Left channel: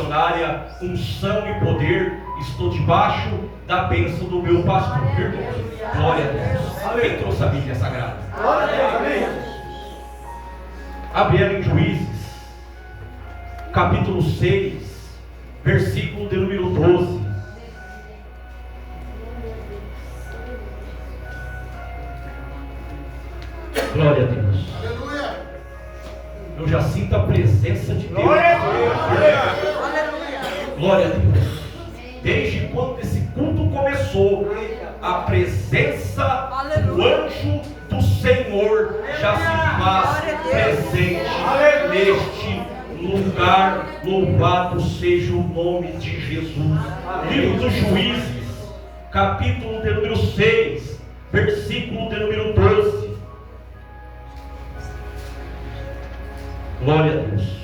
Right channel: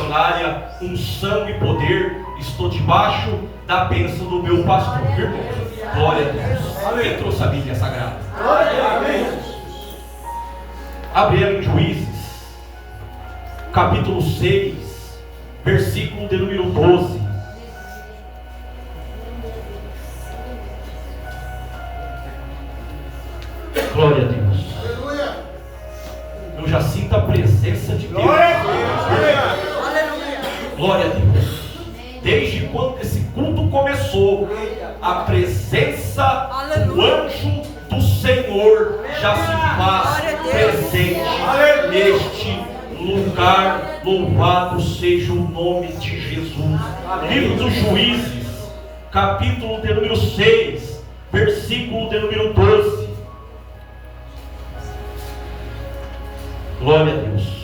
missionária, unção e poder. Estou debaixo da bênção do meu pastor. Irmãos, glória a Deus. Quem trouxe a Bíblia Sagrada? Glória a Deus. Abre em Juízes, capítulo 6, versículo de número 12. Glória a Deus. Aleluia. Eu já sinto a presença de Deus. Glória a Deus. Glória a Deus. Desde quando esse culto começou, a presença do anjo do Senhor já se faz presente neste lugar. Louvado seja o nome de Jesus. Livro dos Juízes, capítulo de número 6, versículo de número 12. Glória a Deus.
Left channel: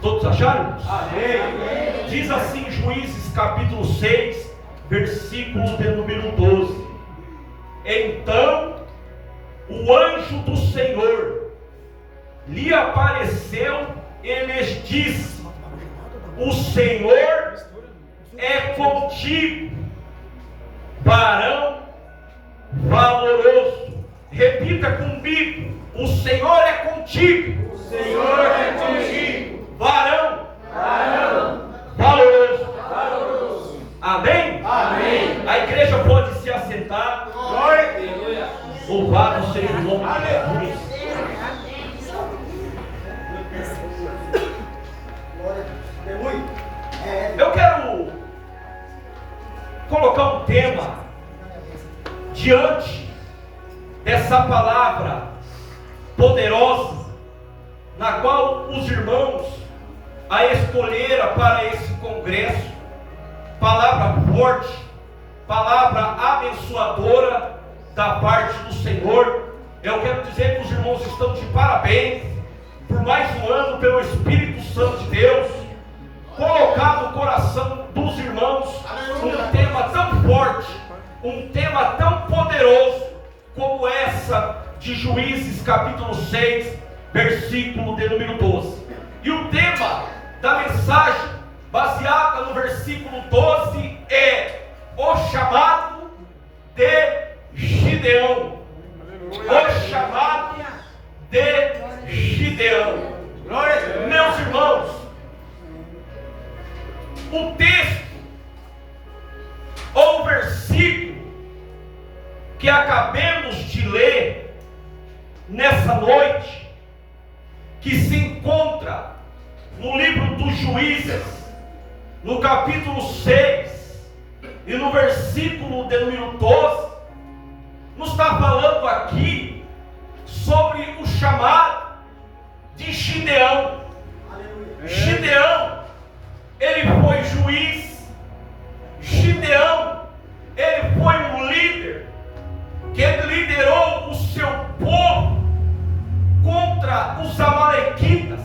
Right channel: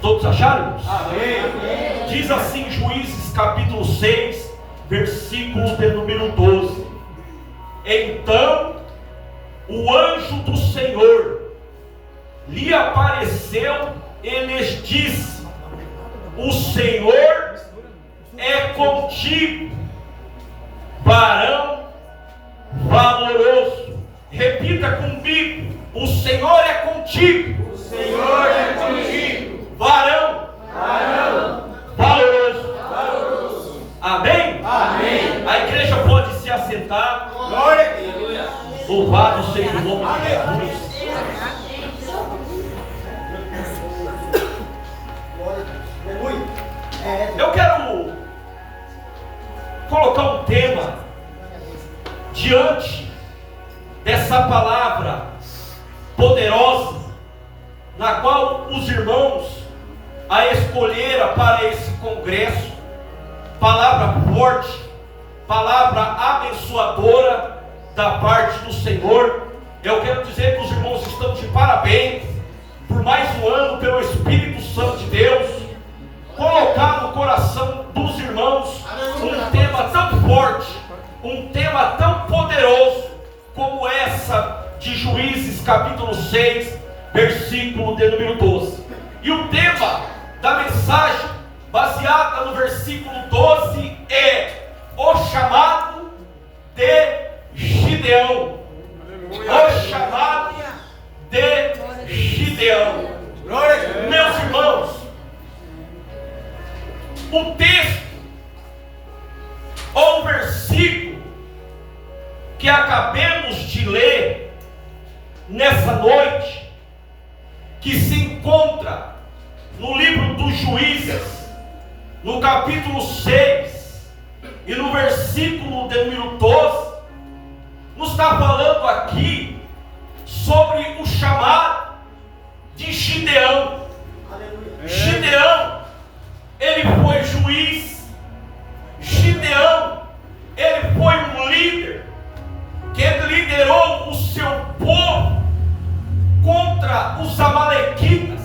Todos acharam? Amém. Diz assim Juízes capítulo 6, versículo de número 12. Então o anjo do Senhor lhe apareceu e lhes disse: o Senhor é contigo, varão valoroso. Repita comigo: o Senhor é contigo. O Senhor é contigo. Varão Varão valoroso. Amém? Amém. A igreja pode se assentar. Glória a Deus. Louvado seja o nome de Jesus. Aleluia. Eu quero colocar um tema diante dessa palavra poderosa, na qual os irmãos a escolheram para esse congresso. Palavra forte, palavra abençoadora da parte do Senhor. Eu quero dizer que os irmãos estão de parabéns por mais um ano, pelo Espírito Santo de Deus colocar no coração dos irmãos um tema tão forte, um tema tão poderoso como essa de Juízes capítulo 6, versículo de número 12. E o tema da mensagem, baseada no versículo 12, é o chamado de Gideão. O chamado de Gideão. Meus irmãos, o texto ou o versículo que acabemos de ler nessa noite, que se encontra no livro dos Juízes, no capítulo 6 e no versículo de número 12, nos está falando aqui sobre o chamado de Gideão. Gideão, ele foi juiz. Gideão, ele foi um líder que liderou o seu povo contra os amalequitas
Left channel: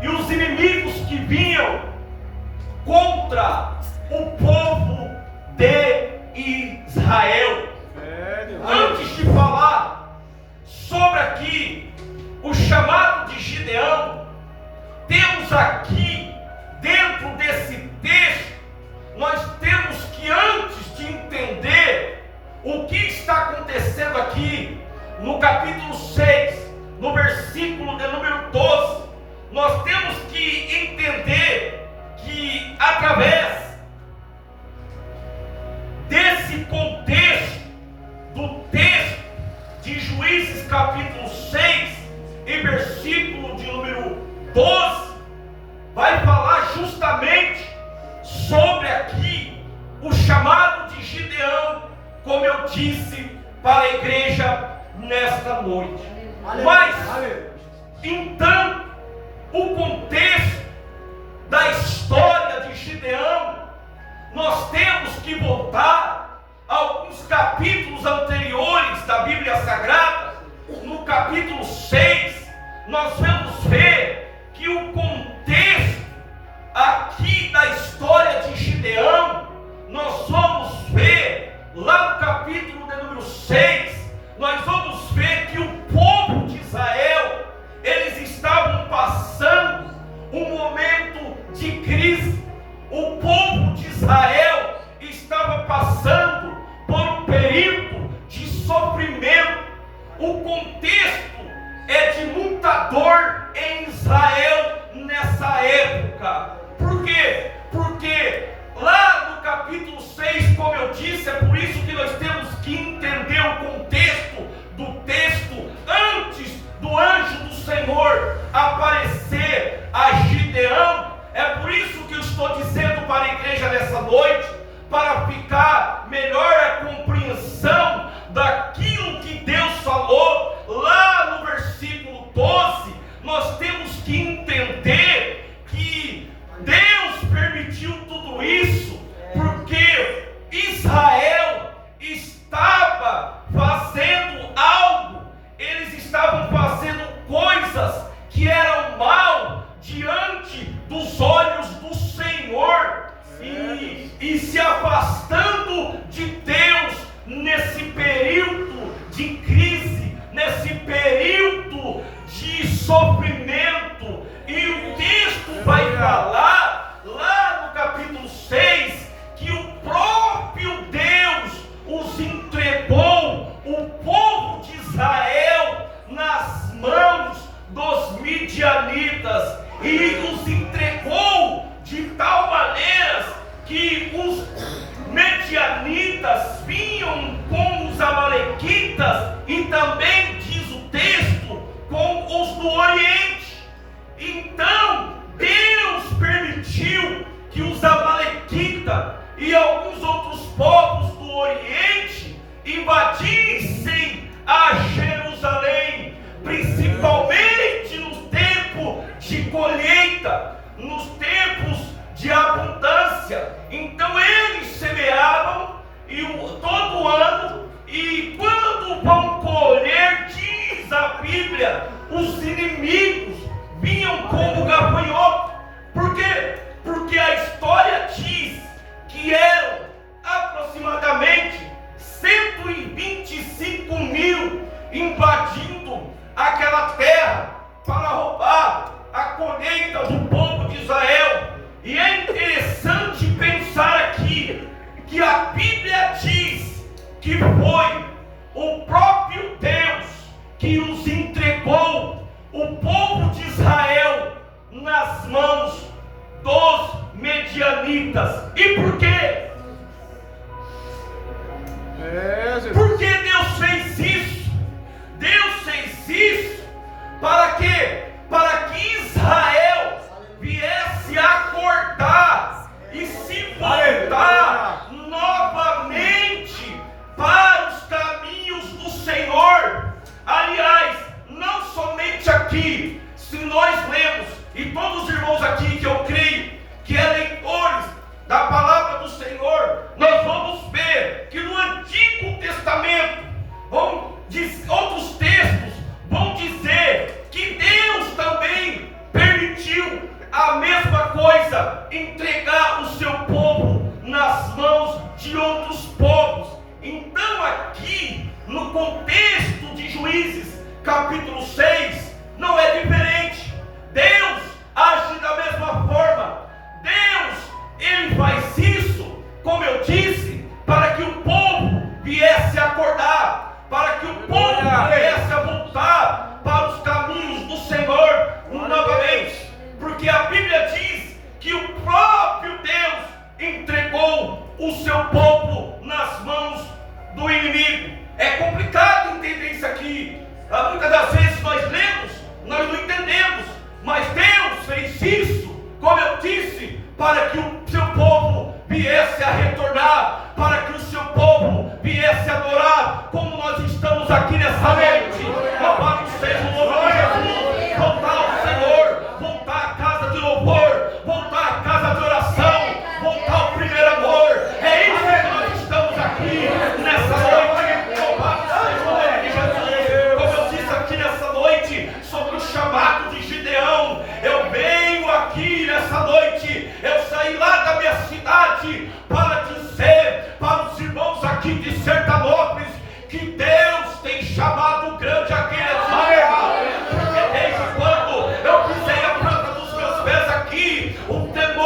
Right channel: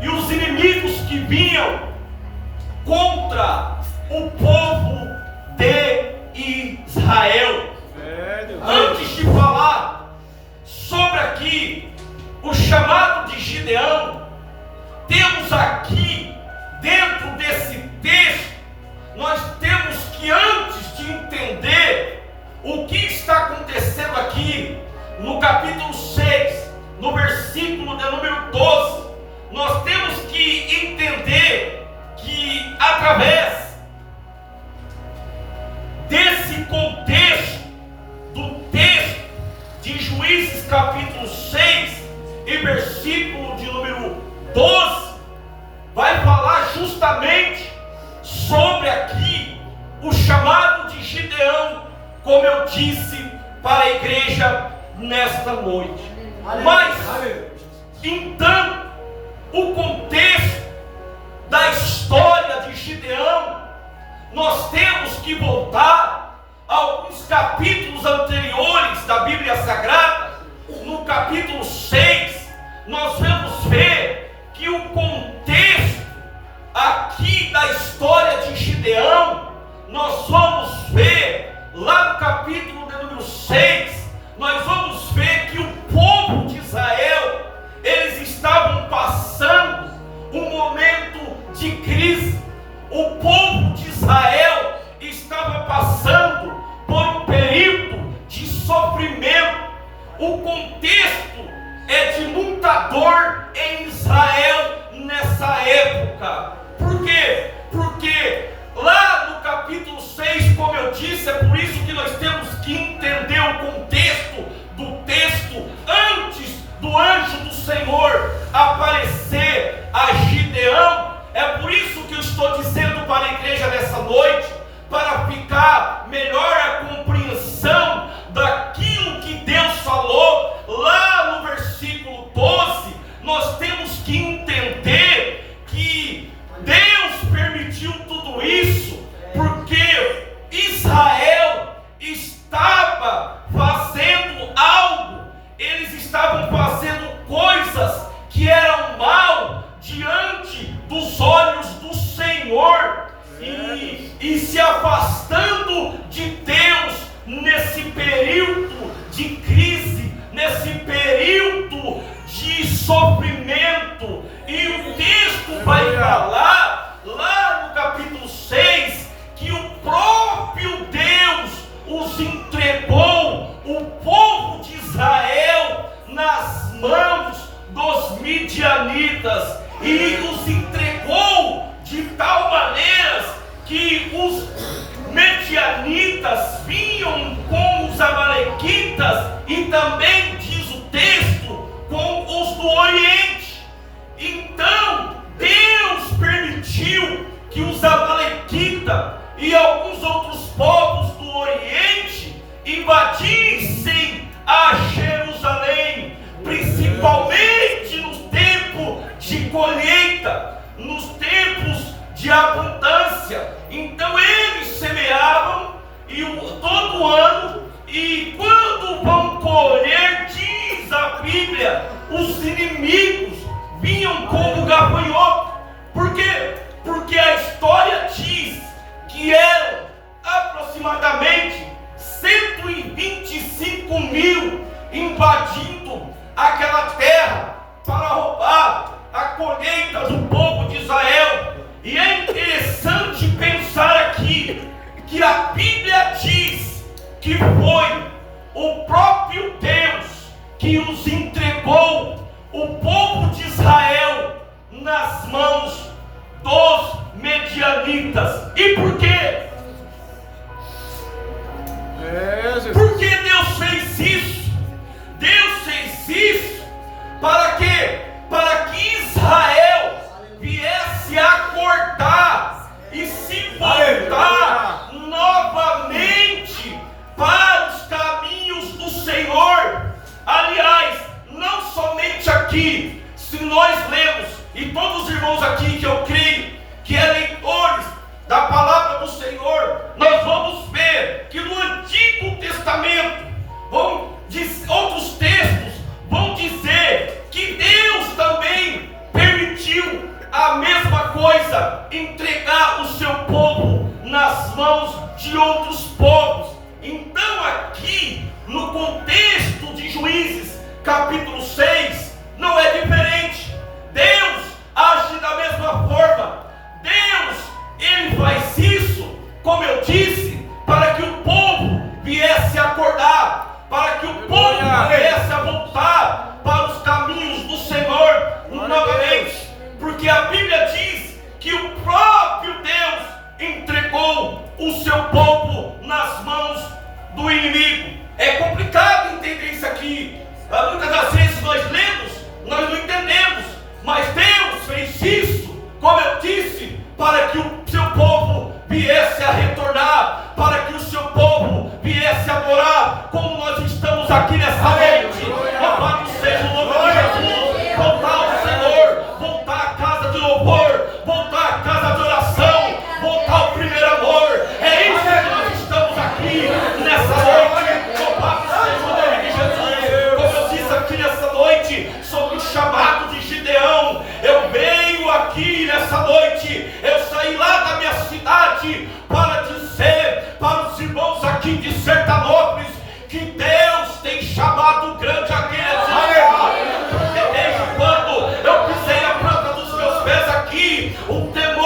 e os inimigos que vinham contra o povo de Israel. Antes de falar sobre aqui o chamado de Gideão, temos aqui dentro desse texto, nós temos que, antes de entender o que está acontecendo aqui no capítulo 6, no versículo de número 12, nós temos que entender que através desse contexto do texto de Juízes capítulo 6 e versículo de número 12, vai falar justamente sobre aqui o chamado de Gideão, como eu disse para a igreja nesta noite. Mas então, o contexto da história de Gideão, nós temos que voltar a alguns capítulos anteriores da Bíblia Sagrada. No capítulo 6, nós vamos ver que o contexto aqui da história de Gideão, nós vamos ver lá no capítulo de número 6, nós vamos ver que o povo de Israel, eles estavam passando um momento de crise. O povo de Israel estava passando por um período de sofrimento. O contexto é de muita dor em Israel nessa época. Por quê? Porque lá no capítulo 6, como eu disse, é por isso que nós temos que entender o contexto do texto antes do anjo do Senhor aparecer a Gideão. É por isso que eu estou dizendo para a igreja nessa noite, para ficar melhor a compreensão daquilo que Deus falou lá no versículo 12. Nós temos que entender que Deus permitiu tudo isso porque Israel estava fazendo algo. Eles estavam fazendo coisas que eram mal diante dos olhos do Senhor e se afastando de Deus nesse período de crise, nesse período de sofrimento. E o texto vai falar lá no capítulo 6 que o próprio Deus os entregou, o povo de Israel, nas mãos dos midianitas, e os entregou de tal maneira que os midianitas vinham com os amalequitas e também, diz o texto, com os do Oriente. Então Deus permitiu que os amalequitas e alguns outros povos do Oriente invadissem a Jerusalém, principalmente no tempo de colheita, nos tempos de abundância. Então eles semeavam todo ano, e quando vão colher, diz a Bíblia, os inimigos vinham como gafanhoto. Por quê? Porque a história diz que eram aproximadamente 125 mil invadindo aquela terra para roubar a colheita do povo de Israel. E é interessante pensar aqui que a Bíblia diz que foi o próprio Deus que os entregou, o povo de Israel, nas mãos dos medianitas. E por quê? Por que Deus fez isso? Deus fez isso para quê? Para que Israel viesse a acordar e se voltar novamente para os caminhos do Senhor. Aliás, não somente aqui, se nós lemos, e todos os irmãos aqui que eu creio que é leitores da palavra do Senhor, nós vamos ver que no Antigo Testamento outros textos vão dizer que Deus também permitiu a mesma coisa, entregar o seu povo nas mãos de outros povos. Então aqui no contexto de Juízes capítulo 6 não é diferente. Deus age da mesma forma. Deus, Ele faz isso, como eu disse, para que o povo viesse a acordar, para que o povo viesse a voltar para os caminhos do Senhor novamente. Porque a Bíblia diz que o próprio Deus entregou o seu povo nas mãos do inimigo. É complicado entender isso aqui. Muitas das vezes nós lemos, nós não entendemos, mas Deus fez isso, como eu disse, para que o seu povo viesse a retornar, para que o seu povo viesse a adorar, como nós estamos aqui nessa noite. Louvado seja o nome de Jesus. Voltar ao Senhor, voltar à casa de louvor, voltar à casa de oração, voltar ao primeiro amor. É isso que nós estamos aqui nessa noite. Louvado seja o nome de Jesus. Como eu disse aqui nessa noite, sobre o chamado de Gideão, eu venho aqui nessa noite, eu saí lá da minha cidade para dizer para os irmãos aqui de Sertanópolis que Deus tem chamado grande aquele exército. Porque desde quando eu pisei a planta dos meus pés aqui, o temor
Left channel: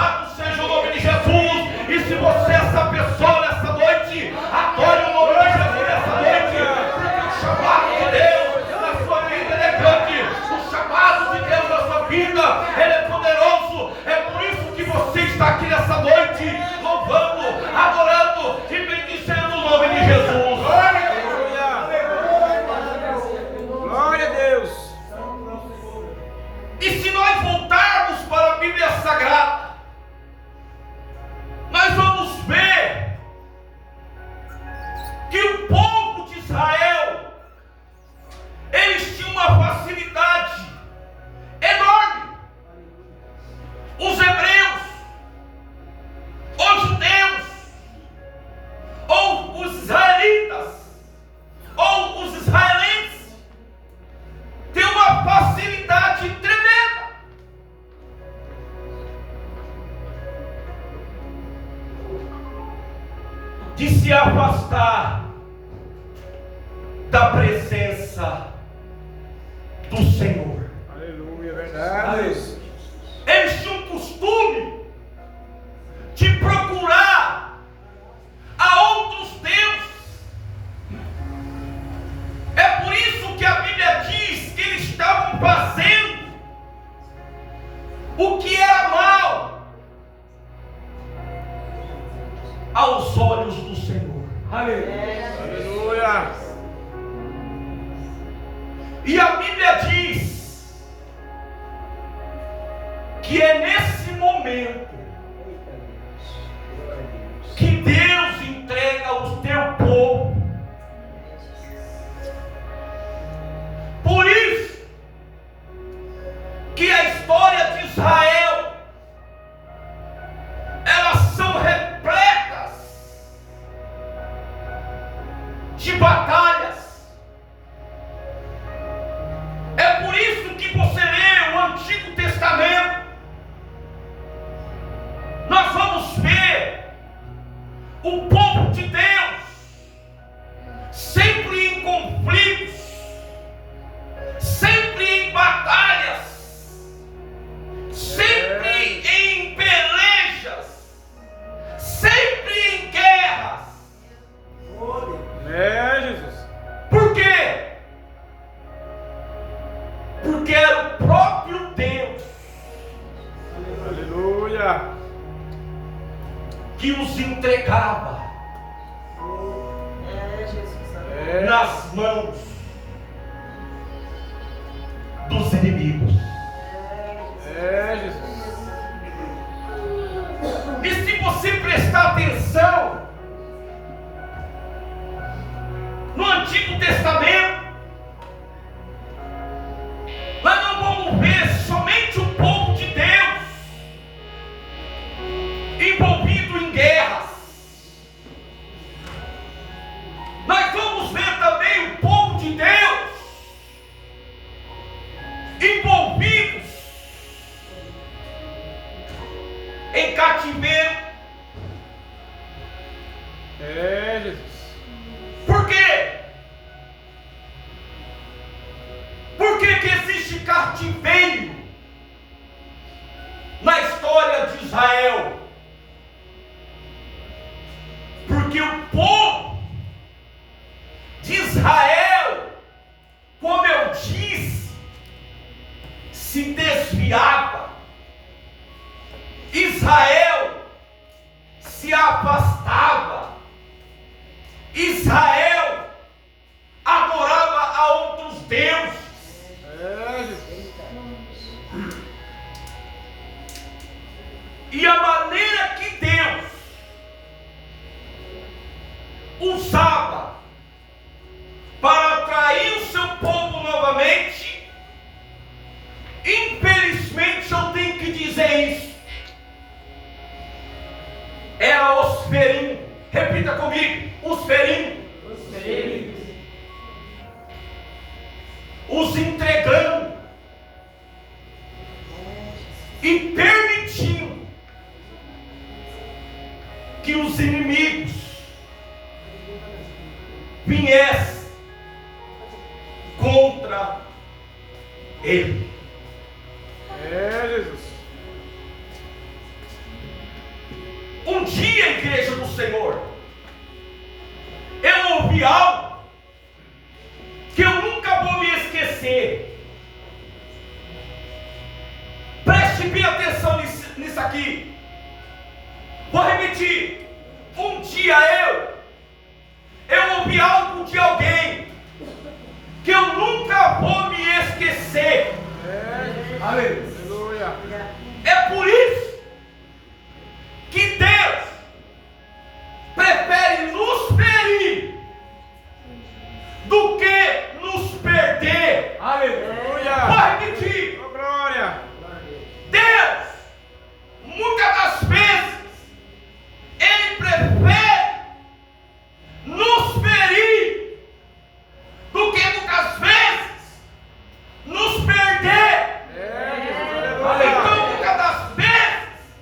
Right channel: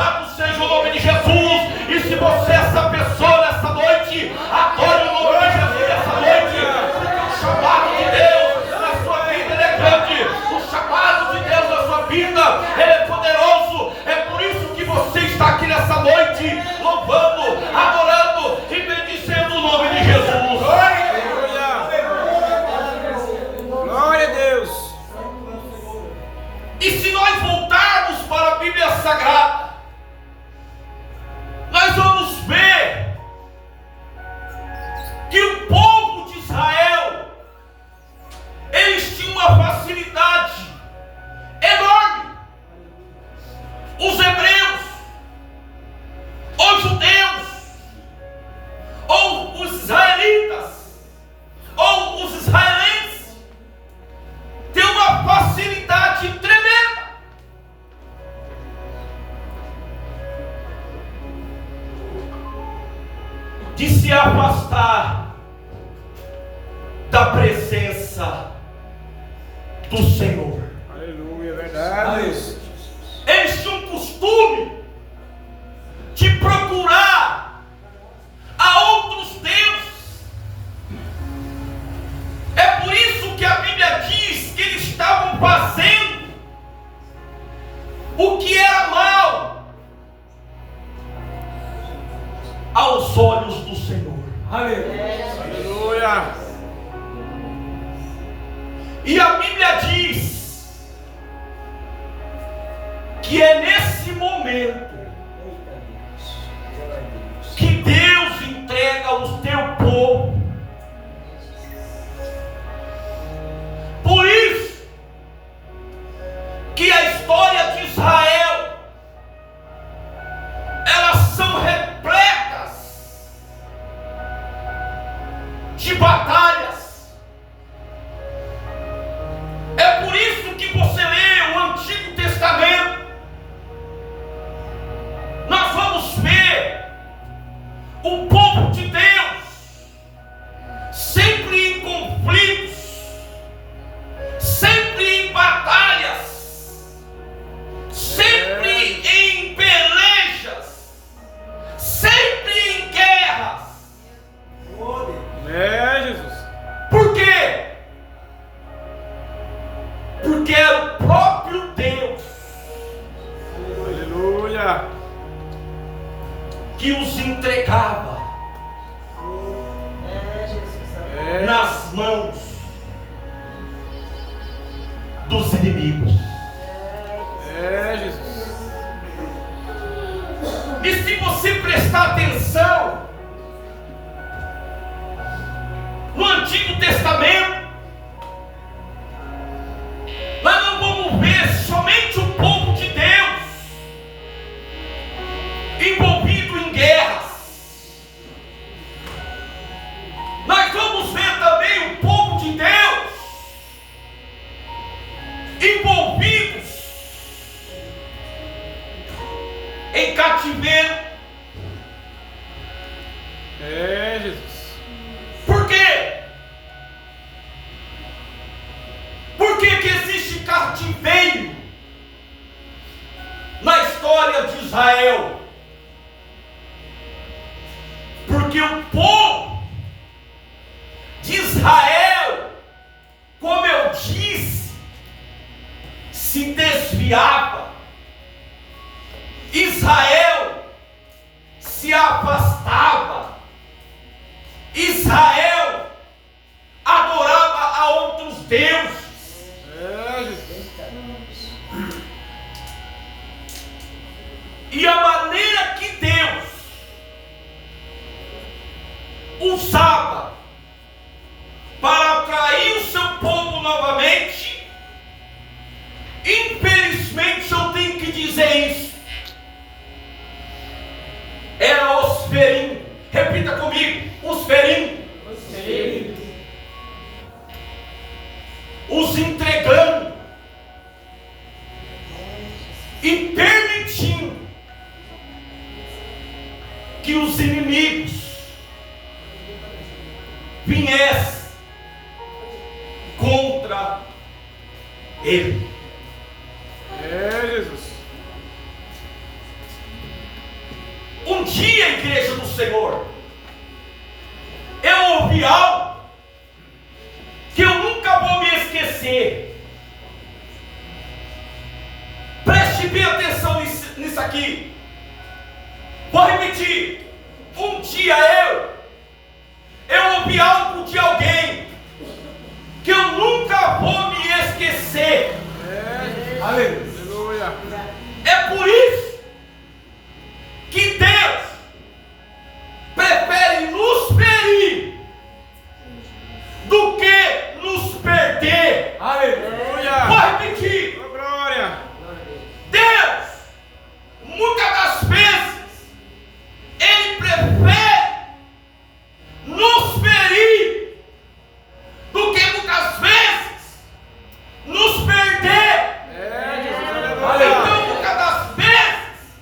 Louvado seja o nome de Jesus. E se você é essa pessoa nessa noite, adore o nome de Jesus nessa noite. Porque o chamado de Deus na sua vida ele é grande. O chamado de Deus na sua vida ele é poderoso. É por isso que você está aqui nessa noite, louvando, adorando e bendizendo o nome de Jesus. Glória a Deus. E se nós voltarmos para a Bíblia Sagrada, nós vamos ver que o povo de Israel, eles tinham uma facilidade enorme. Os hebreus, os judeus, ou os israelitas, ou os israelenses, têm uma facilidade tremenda de se afastar da presença do Senhor. Aleluia, verdade. Eles tinham um costume de procurar a outros deuses. É por isso que a Bíblia diz que eles estavam fazendo o que era mal aos olhos do Senhor. Aleluia. E a Bíblia diz que é nesse momento que Deus entrega o teu povo. Por isso que a história de Israel, elas são repletas de batalhas. É por isso que você lê o Antigo Testamento, nós vamos ver o povo de Deus sempre em conflitos, sempre em batalhas, sempre em pelejas, sempre em guerras. É, Jesus. Por quê? Porque era o próprio Deus Aleluia. que os entregava nas mãos dos inimigos. É, Jesus. E se você prestar atenção no Antigo Testamento, nós não vamos ver somente o povo de Deus envolvido em guerras. Nós vamos ver também o povo de Deus envolvidos em cativeiro. É, Jesus. Por quê? Por que que existe cativeiro na história de Israel? Porque o povo de Israel, como eu disse, se desviava. Israel se afastava. Israel adorava a outros deuses. É, Jesus. E a maneira que Deus usava para atrair o seu povo novamente, infelizmente eu tenho que dizer isso, era os ferindo. Repita comigo: os ferindo. Os entregando e permitindo que os inimigos viessem contra ele. É, Jesus. Um dia, igreja do Senhor, eu ouvi algo que eu nunca vou me esquecer. Preste bem atenção nisso aqui. Vou repetir. Um dia eu ouvi algo de alguém que eu nunca vou me esquecer. Aleluia. É por isso que Deus prefere nos ferir do que nos perder. Aleluia. Vou repetir. Oh, glória. Deus, muitas das vezes, Ele prefere nos ferir do que muitas vezes nos perder. Então, muitas das vezes,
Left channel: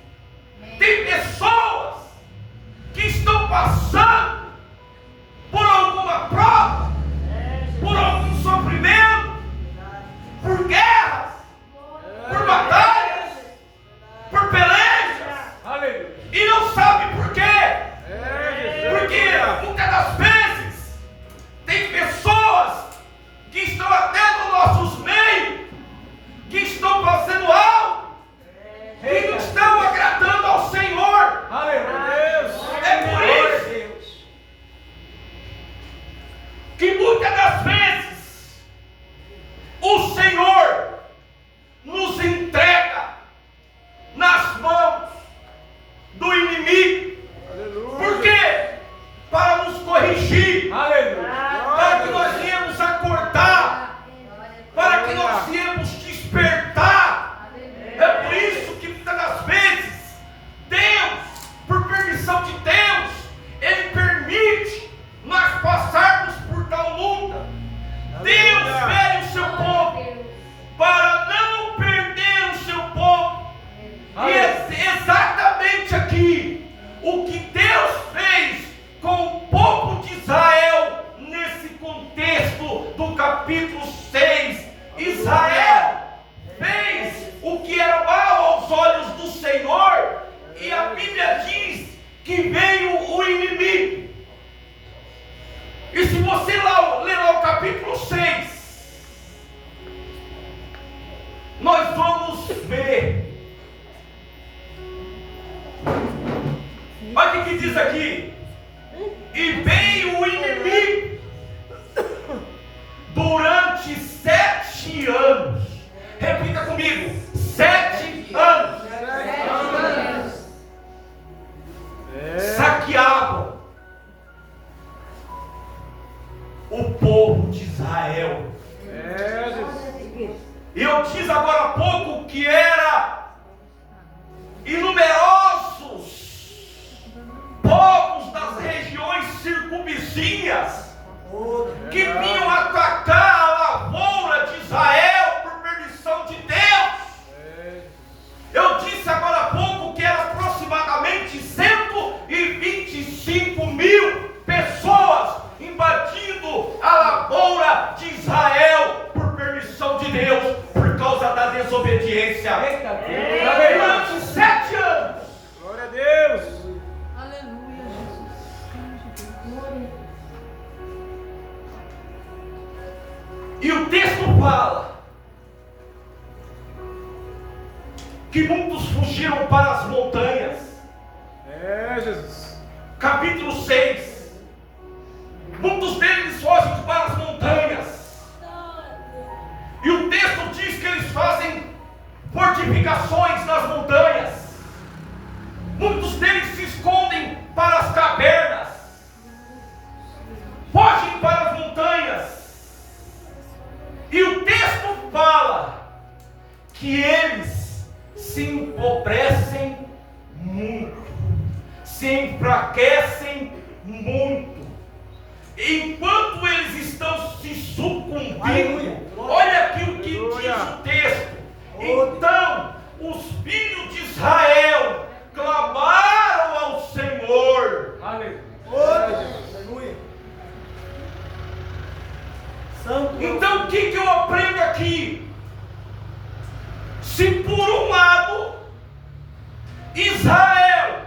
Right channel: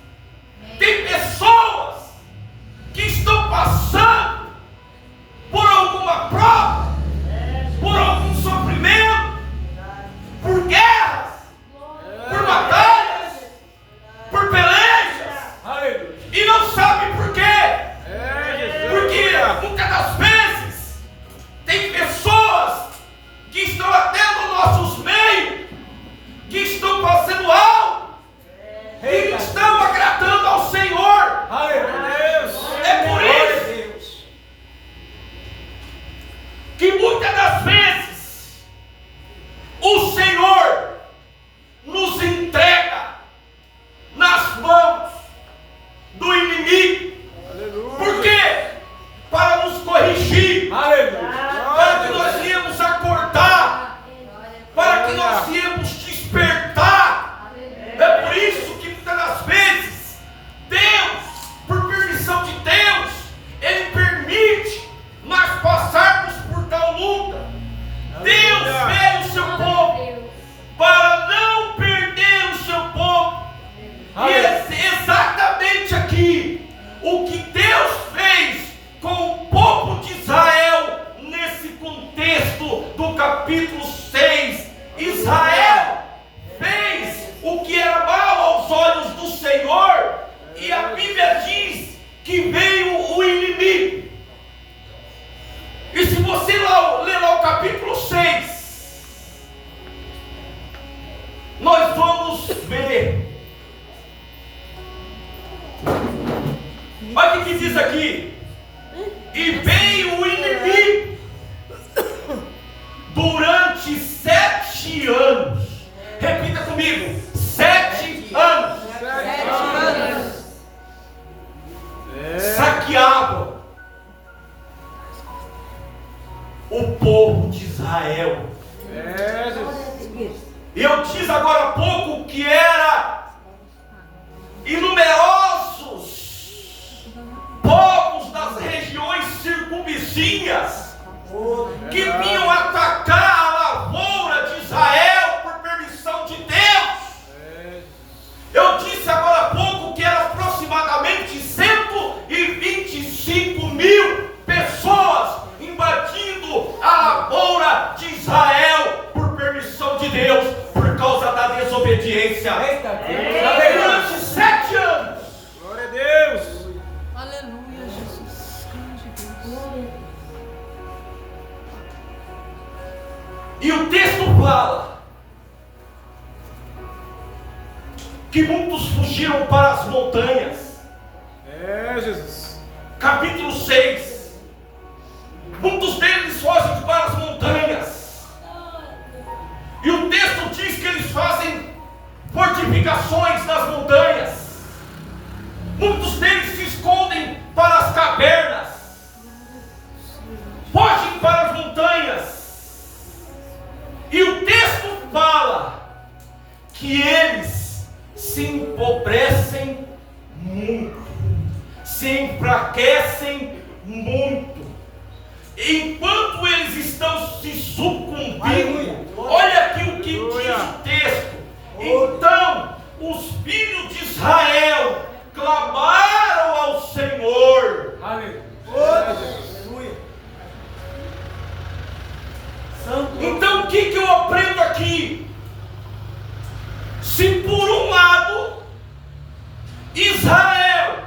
tem pessoas que estão passando por alguma prova, por algum sofrimento, por guerras, por batalhas, por pelejas, e não sabe por quê. Porque muitas das vezes tem pessoas que estão até nos nossos meios, que estão fazendo algo que não estão agradando ao Senhor. É por isso que muitas das vezes o Senhor nos entrega nas mãos do inimigo. Por quê? Para nos corrigir, para que nós viemos acordar, para que nós viemos despertar. É por isso que muitas das vezes Deus, por permissão de Deus, Ele permite nós passarmos por tal luta. Deus vê o seu povo para não perder o seu povo. E é exatamente aqui o que Deus fez com o povo de Israel nesse contexto do capítulo 6. Israel fez o que era mal aos olhos do Senhor, e a Bíblia diz que veio o inimigo. E se você ler lá o capítulo 6, nós vamos ver. Olha o que diz aqui. E veio o inimigo durante 7 anos. Repita comigo: 7 anos. Saqueavam o povo de Israel. Eu disse agora há pouco que era inumerosos povos das regiões circunvizinhas que vinham atacar a lavoura de Israel por permissão de Deus. Eu disse agora há pouco que eram aproximadamente 125 mil pessoas invadindo a lavoura de Israel por permissão de Deus, por causa da desobediência. Durante 7 anos. Glória a Deus. Aleluia, Jesus. E o texto fala que muitos fugiram para as montanhas. Jesus. Capítulo 6. Muitos deles fogem para as montanhas. E o texto diz que eles fazem fortificações nas montanhas. Muitos deles se escondem para as cavernas. Fogem para as montanhas. E o texto fala que eles se empobrecem muito, se enfraquecem muito. Enquanto eles estão se sucumbindo, olha aqui o que diz o texto. Então os filhos de Israel clamaram ao Senhor. Então o que eu aprendo aqui? Se por um lado Israel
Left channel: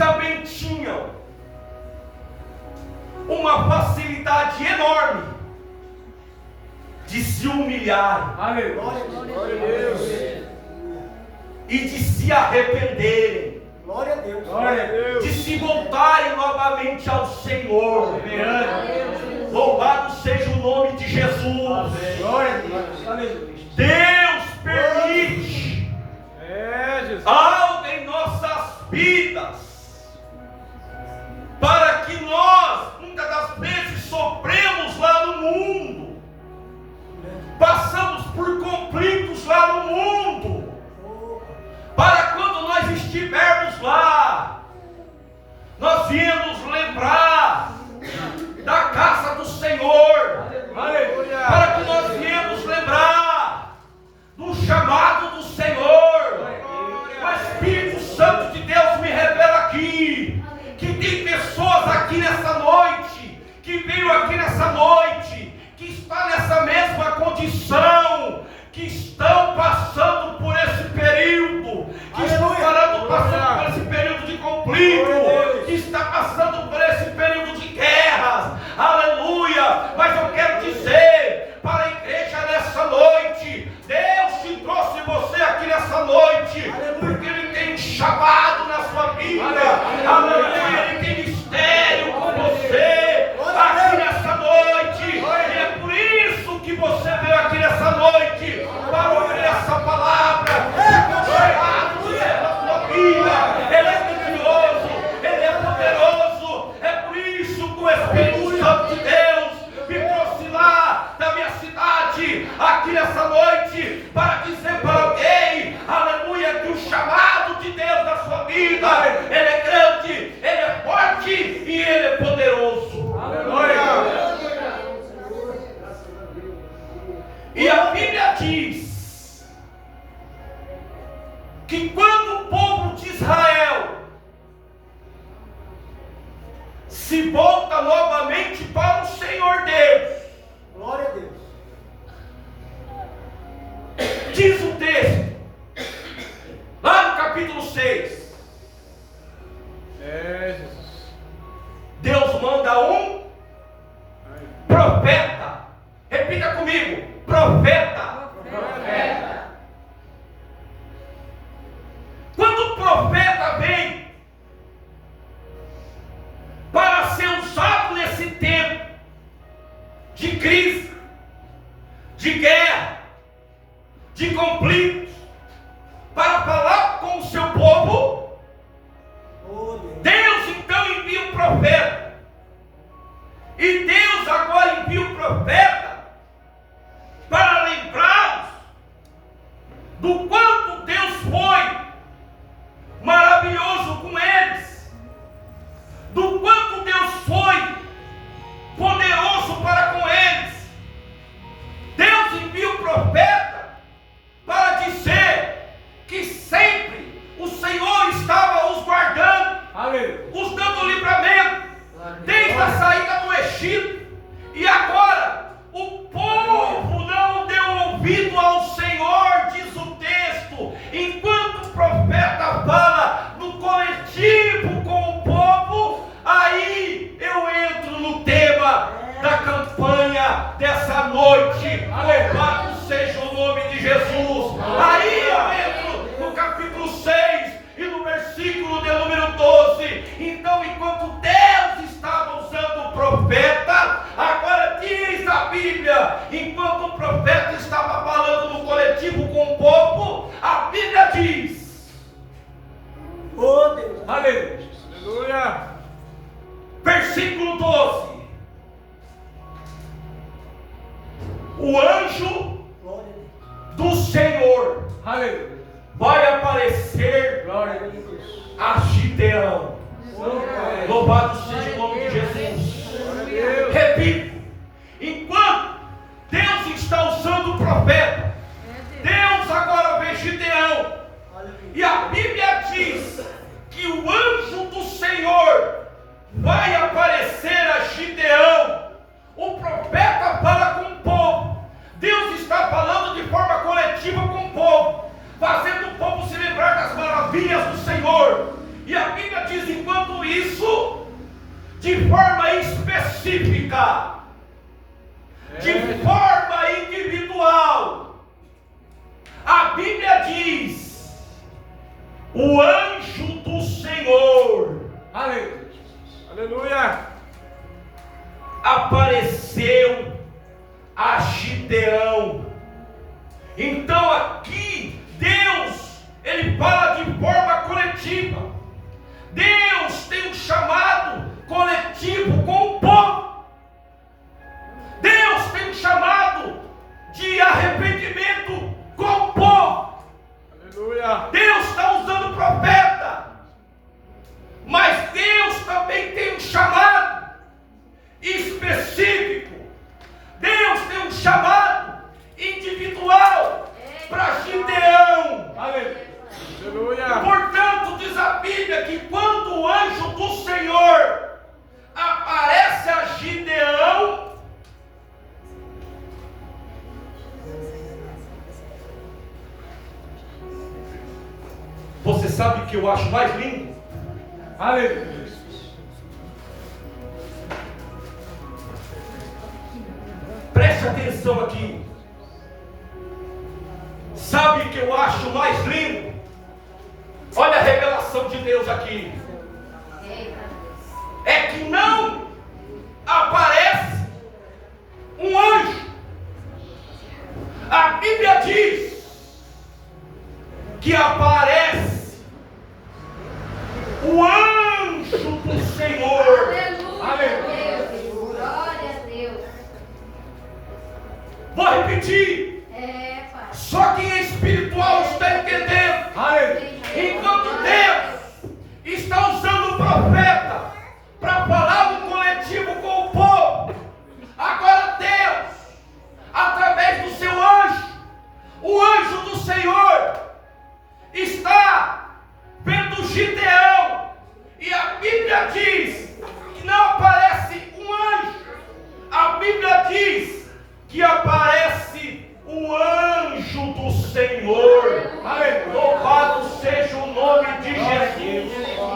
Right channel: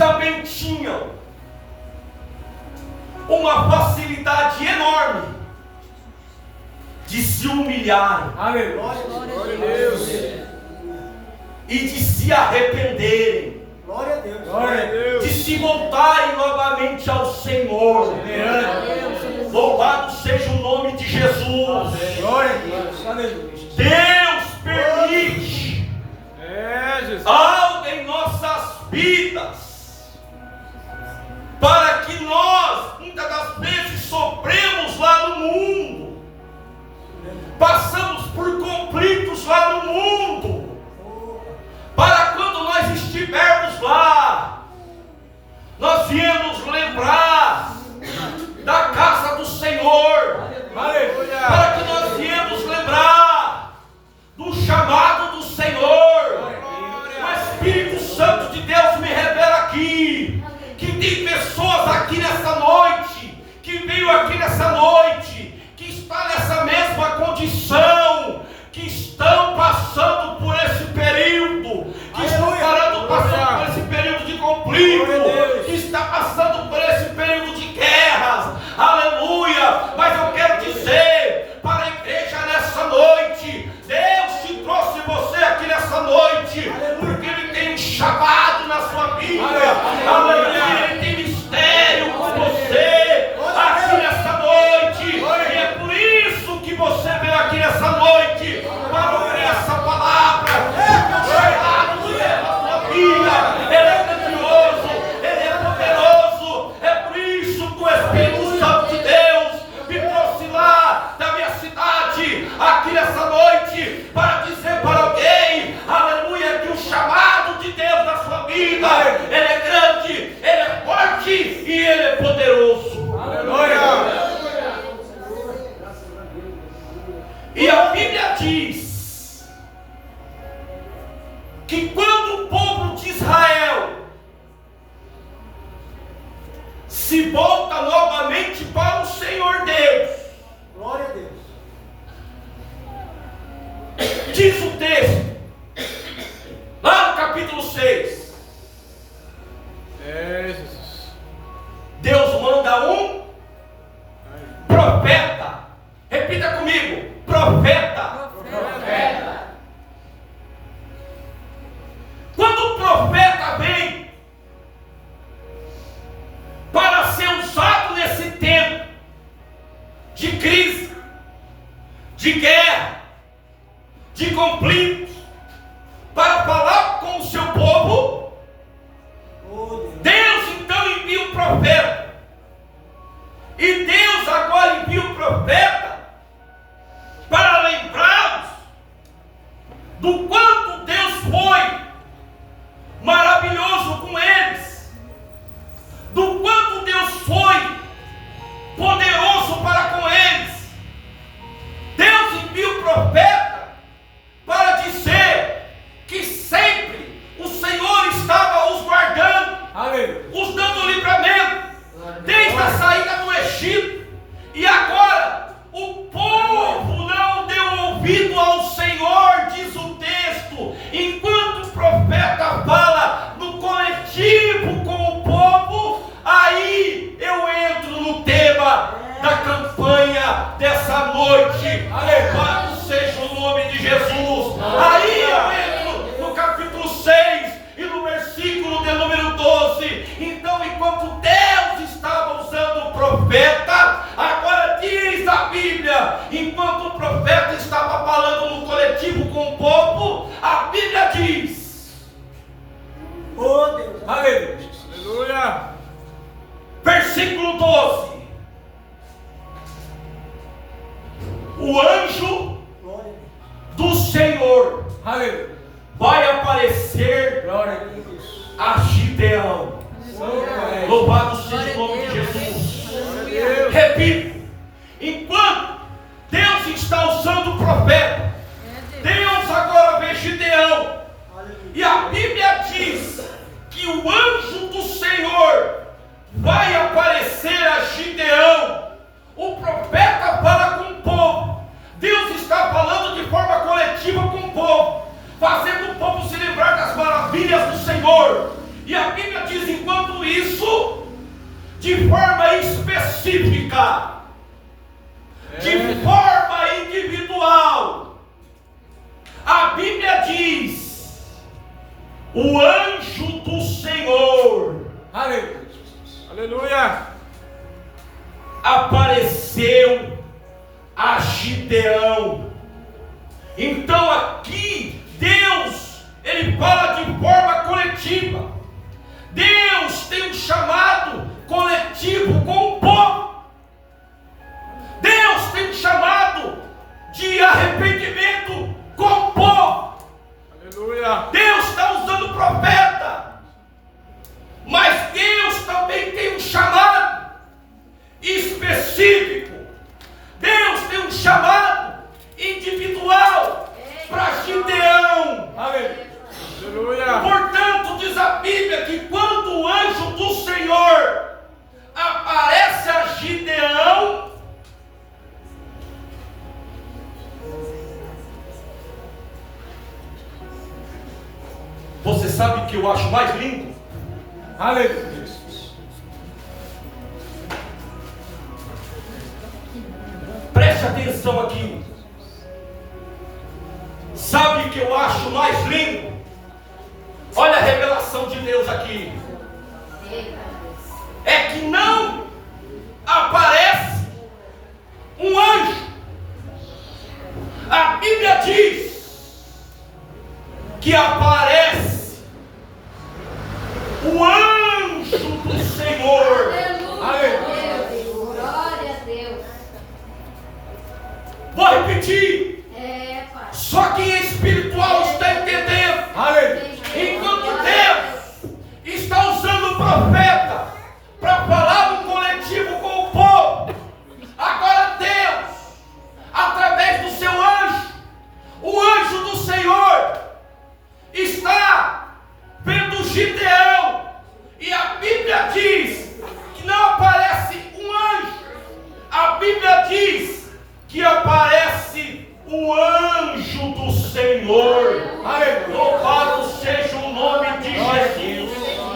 também tinham uma facilidade enorme de se humilharem. Aleluia. Glória a Deus. E de se arrependerem, Glória a Deus. Glória a Deus. de se voltarem novamente ao Senhor. Louvado seja o nome de Jesus. Glória a Deus. Aleluia. Deus permite Jesus. algo em nossas vidas para que nós, muitas das vezes, sofremos lá no mundo, passamos por conflitos lá no mundo, para quando nós estivermos lá, nós viemos lembrar da casa do Senhor, para que nós viemos lembrar do chamado do Senhor. O Espírito Santo de Deus me revela aqui que tem pessoas aqui nessa noite, que veio aqui nessa noite, que está nessa mesma condição, que estão passando por esse período, que estão passando por esse período de conflito, que está passando por esse período de guerras, aleluia. Mas eu quero dizer para a igreja nessa noite, Deus te trouxe você aqui nessa noite, porque Ele tem um chamado na sua vida, aleluia. Ele tem mistério com você aqui nessa noite, e é por isso que você veio aqui nessa noite, para ouvir essa palavra, porque o chamado de Deus na sua vida, Ele é grandioso, Ele é poderoso. É por isso que o Espírito Santo de Deus me trouxe lá da minha cidade, aqui nessa noite, para dizer para alguém, aleluia, que o chamado de Deus na sua vida, Ele é grande, Ele é forte e Ele é poderoso. Aleluia. E a Bíblia diz que quando o povo de Israel se volta novamente para o Senhor Deus, Glória a Deus. diz o texto, lá no capítulo 6, Jesus. Deus manda um profeta. Repita comigo, profeta. Quando o profeta vem para ser usado nesse tempo de crise, de guerra, de conflitos, para falar com o seu povo, Deus então envia um profeta. E Deus agora envia um profeta para lembrá-los do quanto Deus foi maravilhoso com eles, do quanto Deus foi poderoso para com eles. Deus envia o profeta para dizer que sempre o Senhor estava os guardando, os dando livramento, desde a saída do Egito. E agora o povo não deu ouvido ao Senhor, diz o texto. Enquanto o profeta fala no coletivo com o povo, aí eu entro no tema da campanha dessa noite. Louvado seja o nome de Jesus. Aí eu entro no capítulo 6 e no versículo de número 12. Então, enquanto Deus estava usando o profeta, agora diz a Bíblia, enquanto o profeta estava falando no coletivo com o povo, a Bíblia diz, Oh Deus. Aleluia. versículo 12: o anjo Glória do Senhor Aleluia. vai aparecer a Deus. a Gideão. Louvado seja o nome de Jesus. Repito, enquanto Deus está usando o profeta, Deus agora vê Gideão. E a Bíblia diz que o anjo do Senhor vai aparecer a Gideão. O profeta fala com o povo, Deus está falando de forma coletiva com o povo, fazendo o povo se lembrar das maravilhas do Senhor. E a Bíblia diz, enquanto isso de forma específica, de forma individual. A Bíblia diz: o anjo do Senhor Aleluia. apareceu a Gideão. Então aqui Deus, ele fala de forma coletiva. Deus tem um chamado coletivo com o povo. Deus tem um chamado de arrependimento com o povo. Aleluia. Deus está usando profeta, mas Deus também tem um chamado específico. Deus tem um chamado individual para Gideão. Aleluia. Portanto, diz a Bíblia que quando o anjo do Senhor aparece a Gideão, você sabe o que eu acho mais lindo? Aleluia. Preste atenção aqui. Sabe o que eu acho mais lindo? Olha a revelação de Deus aqui. É que não aparece um anjo. A Bíblia diz que aparece o anjo do Senhor. Glória a Deus. Vou repetir. Pai. Só quem é espiritual está entendendo. Enquanto Deus está usando o profeta para falar no coletivo com o povo, agora Deus, através do seu anjo, o anjo do Senhor, está vendo Gideão. E a Bíblia diz que não aparece um anjo. A Bíblia diz que aparece o anjo do Senhor. Louvado seja o nome de Jesus.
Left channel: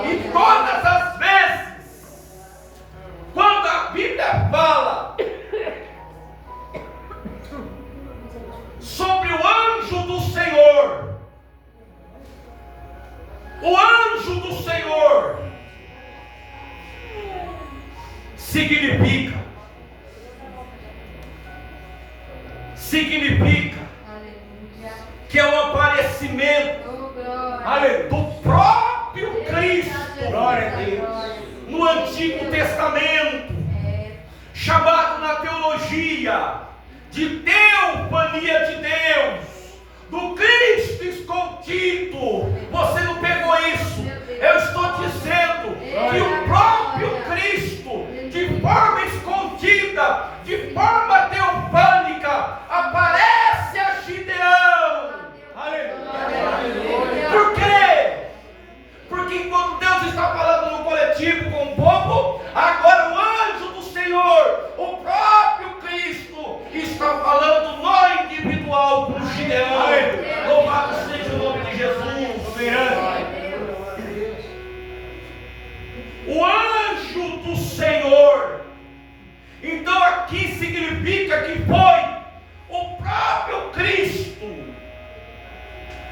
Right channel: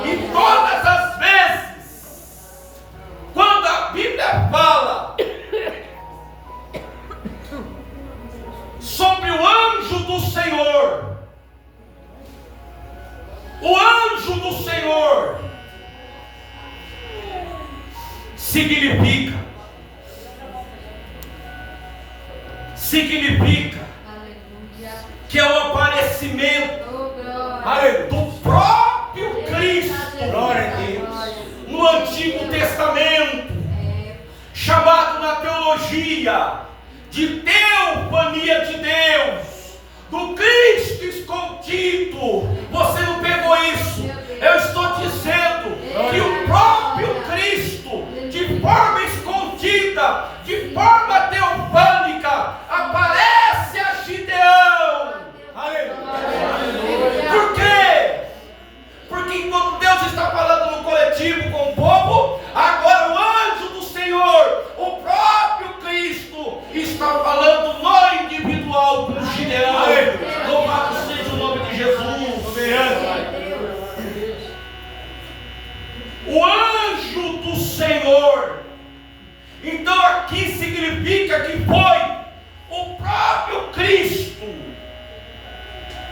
E todas as vezes, quando a Bíblia fala sobre o anjo do Senhor, o anjo do Senhor significa que é o aparecimento do próprio Cristo no Antigo Testamento, chamado na teologia de teofania de Deus, do Cristo escondido. Você não pegou isso? Eu estou dizendo que o próprio Cristo, de forma escondida, de forma teofânica, aparece a Gideão. Por quê? Porque enquanto Deus está falando no coletivo com o povo, agora o anjo do Senhor, o próprio Cristo, está falando no individual com Gideão. Louvado seja o nome de Jesus. O anjo do Senhor. Então aqui significa que foi o próprio Cristo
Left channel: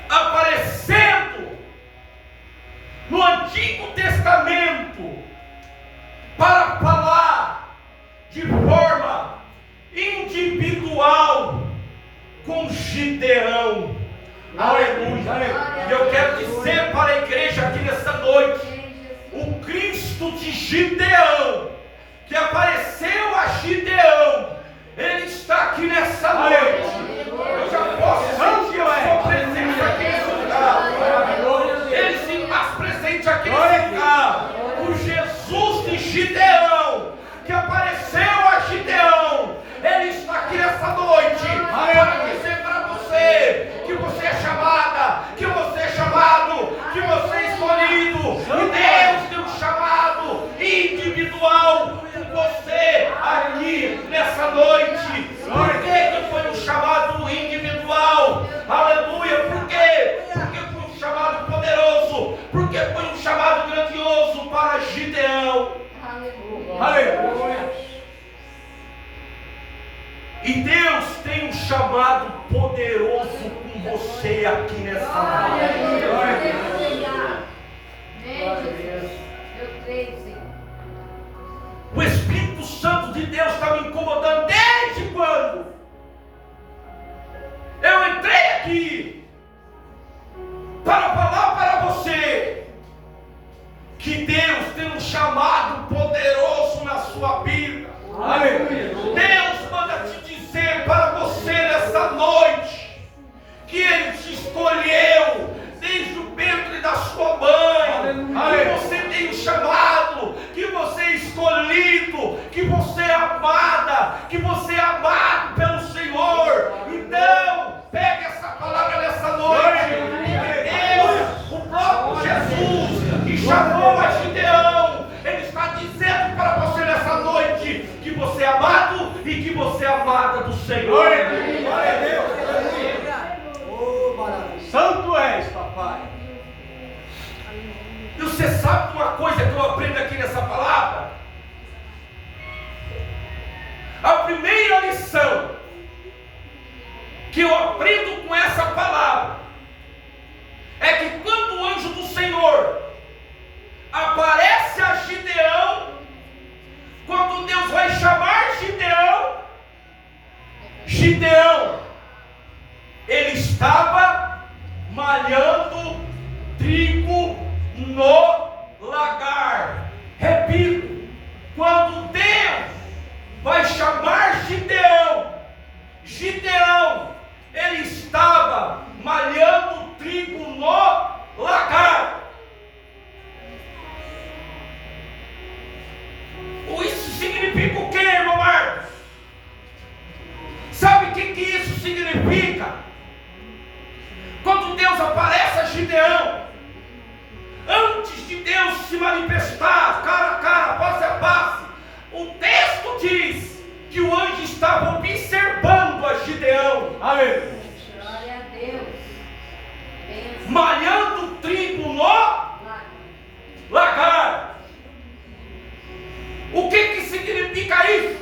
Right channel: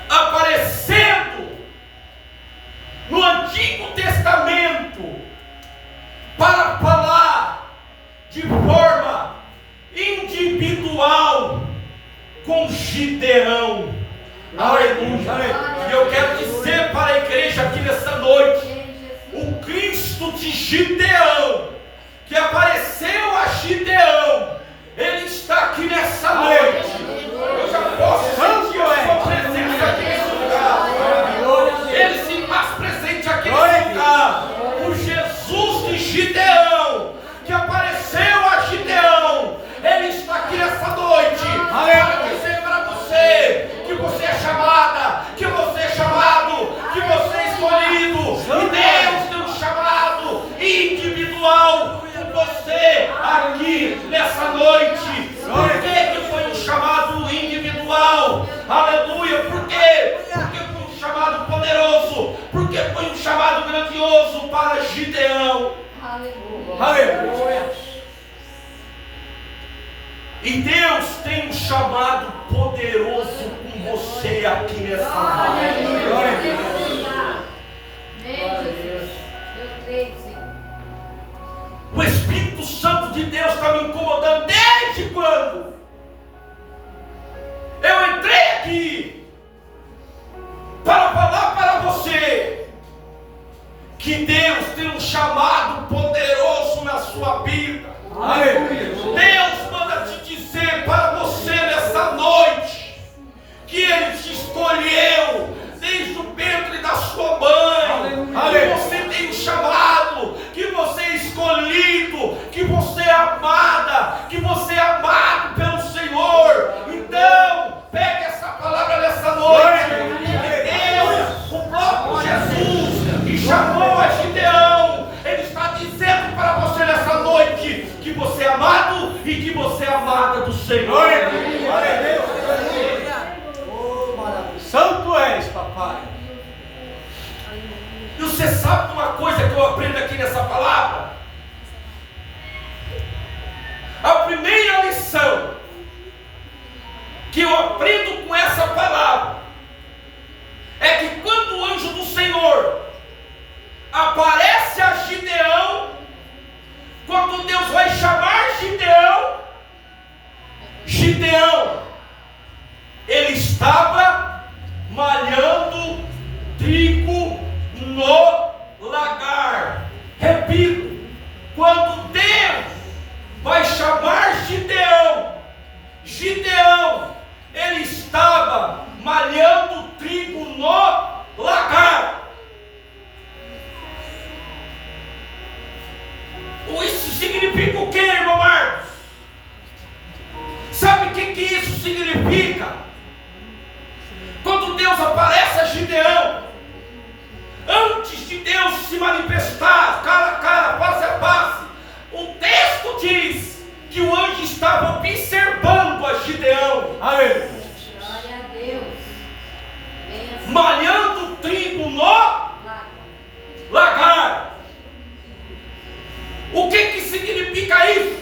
aparecendo no Antigo Testamento para falar de forma individual com Gideão. Aleluia. E eu quero dizer para a igreja aqui nessa noite, o Cristo de Gideão, que apareceu a Gideão, ele está aqui nessa noite. Eu já posso sentir a sua presença aqui nesse lugar. Ele se faz presente aqui nesse lugar. O Jesus de Gideão, que apareceu a Gideão, ele está aqui nessa noite para dizer para você que você é chamada, que você é chamado, que você é escolhido. E Deus tem um chamado individual com você aqui nessa noite. Por que foi um chamado individual? Aleluia. Por quê? Porque foi um chamado poderoso Porque foi um chamado grandioso para Gideão. Aleluia. E Deus tem um chamado poderoso com você aqui nessa noite. Eu creio, Senhor. O Espírito Santo de Deus está me incomodando desde quando eu entrei aqui para falar para você que Deus tem um chamado poderoso na sua vida. Aleluia. Deus manda te dizer para você nessa noite que Ele te escolheu desde o ventre da sua mãe, que você tem um chamado, que você é escolhido, que você é amada, que você é amado pelo Senhor. Então, pegue essa palavra nessa noite. Deus, o próprio Jesus, que chamou a Gideão, Ele está dizendo para você nessa noite que você é amado e que você é amada do Senhor. Glória a Deus. Santo és, papai. E você sabe uma coisa que eu aprendo aqui nessa palavra? A primeira lição que eu aprendo com essa palavra é que quando o anjo do Senhor aparece a Gideão, quando Deus vai chamar Gideão, ele estava malhando trigo no lagar. Repito, quando Deus vai chamar Gideão, ele estava malhando trigo no lagar. Isso significa o que, irmão Marcos? Sabe o que isso significa? Quando Deus aparece a Gideão, antes de Deus se manifestar cara a cara, face a face, o texto diz que o anjo estava observando a Gideão. Aleluia. Glória a Deus. Malhando trigo no lagar. O que significa isso?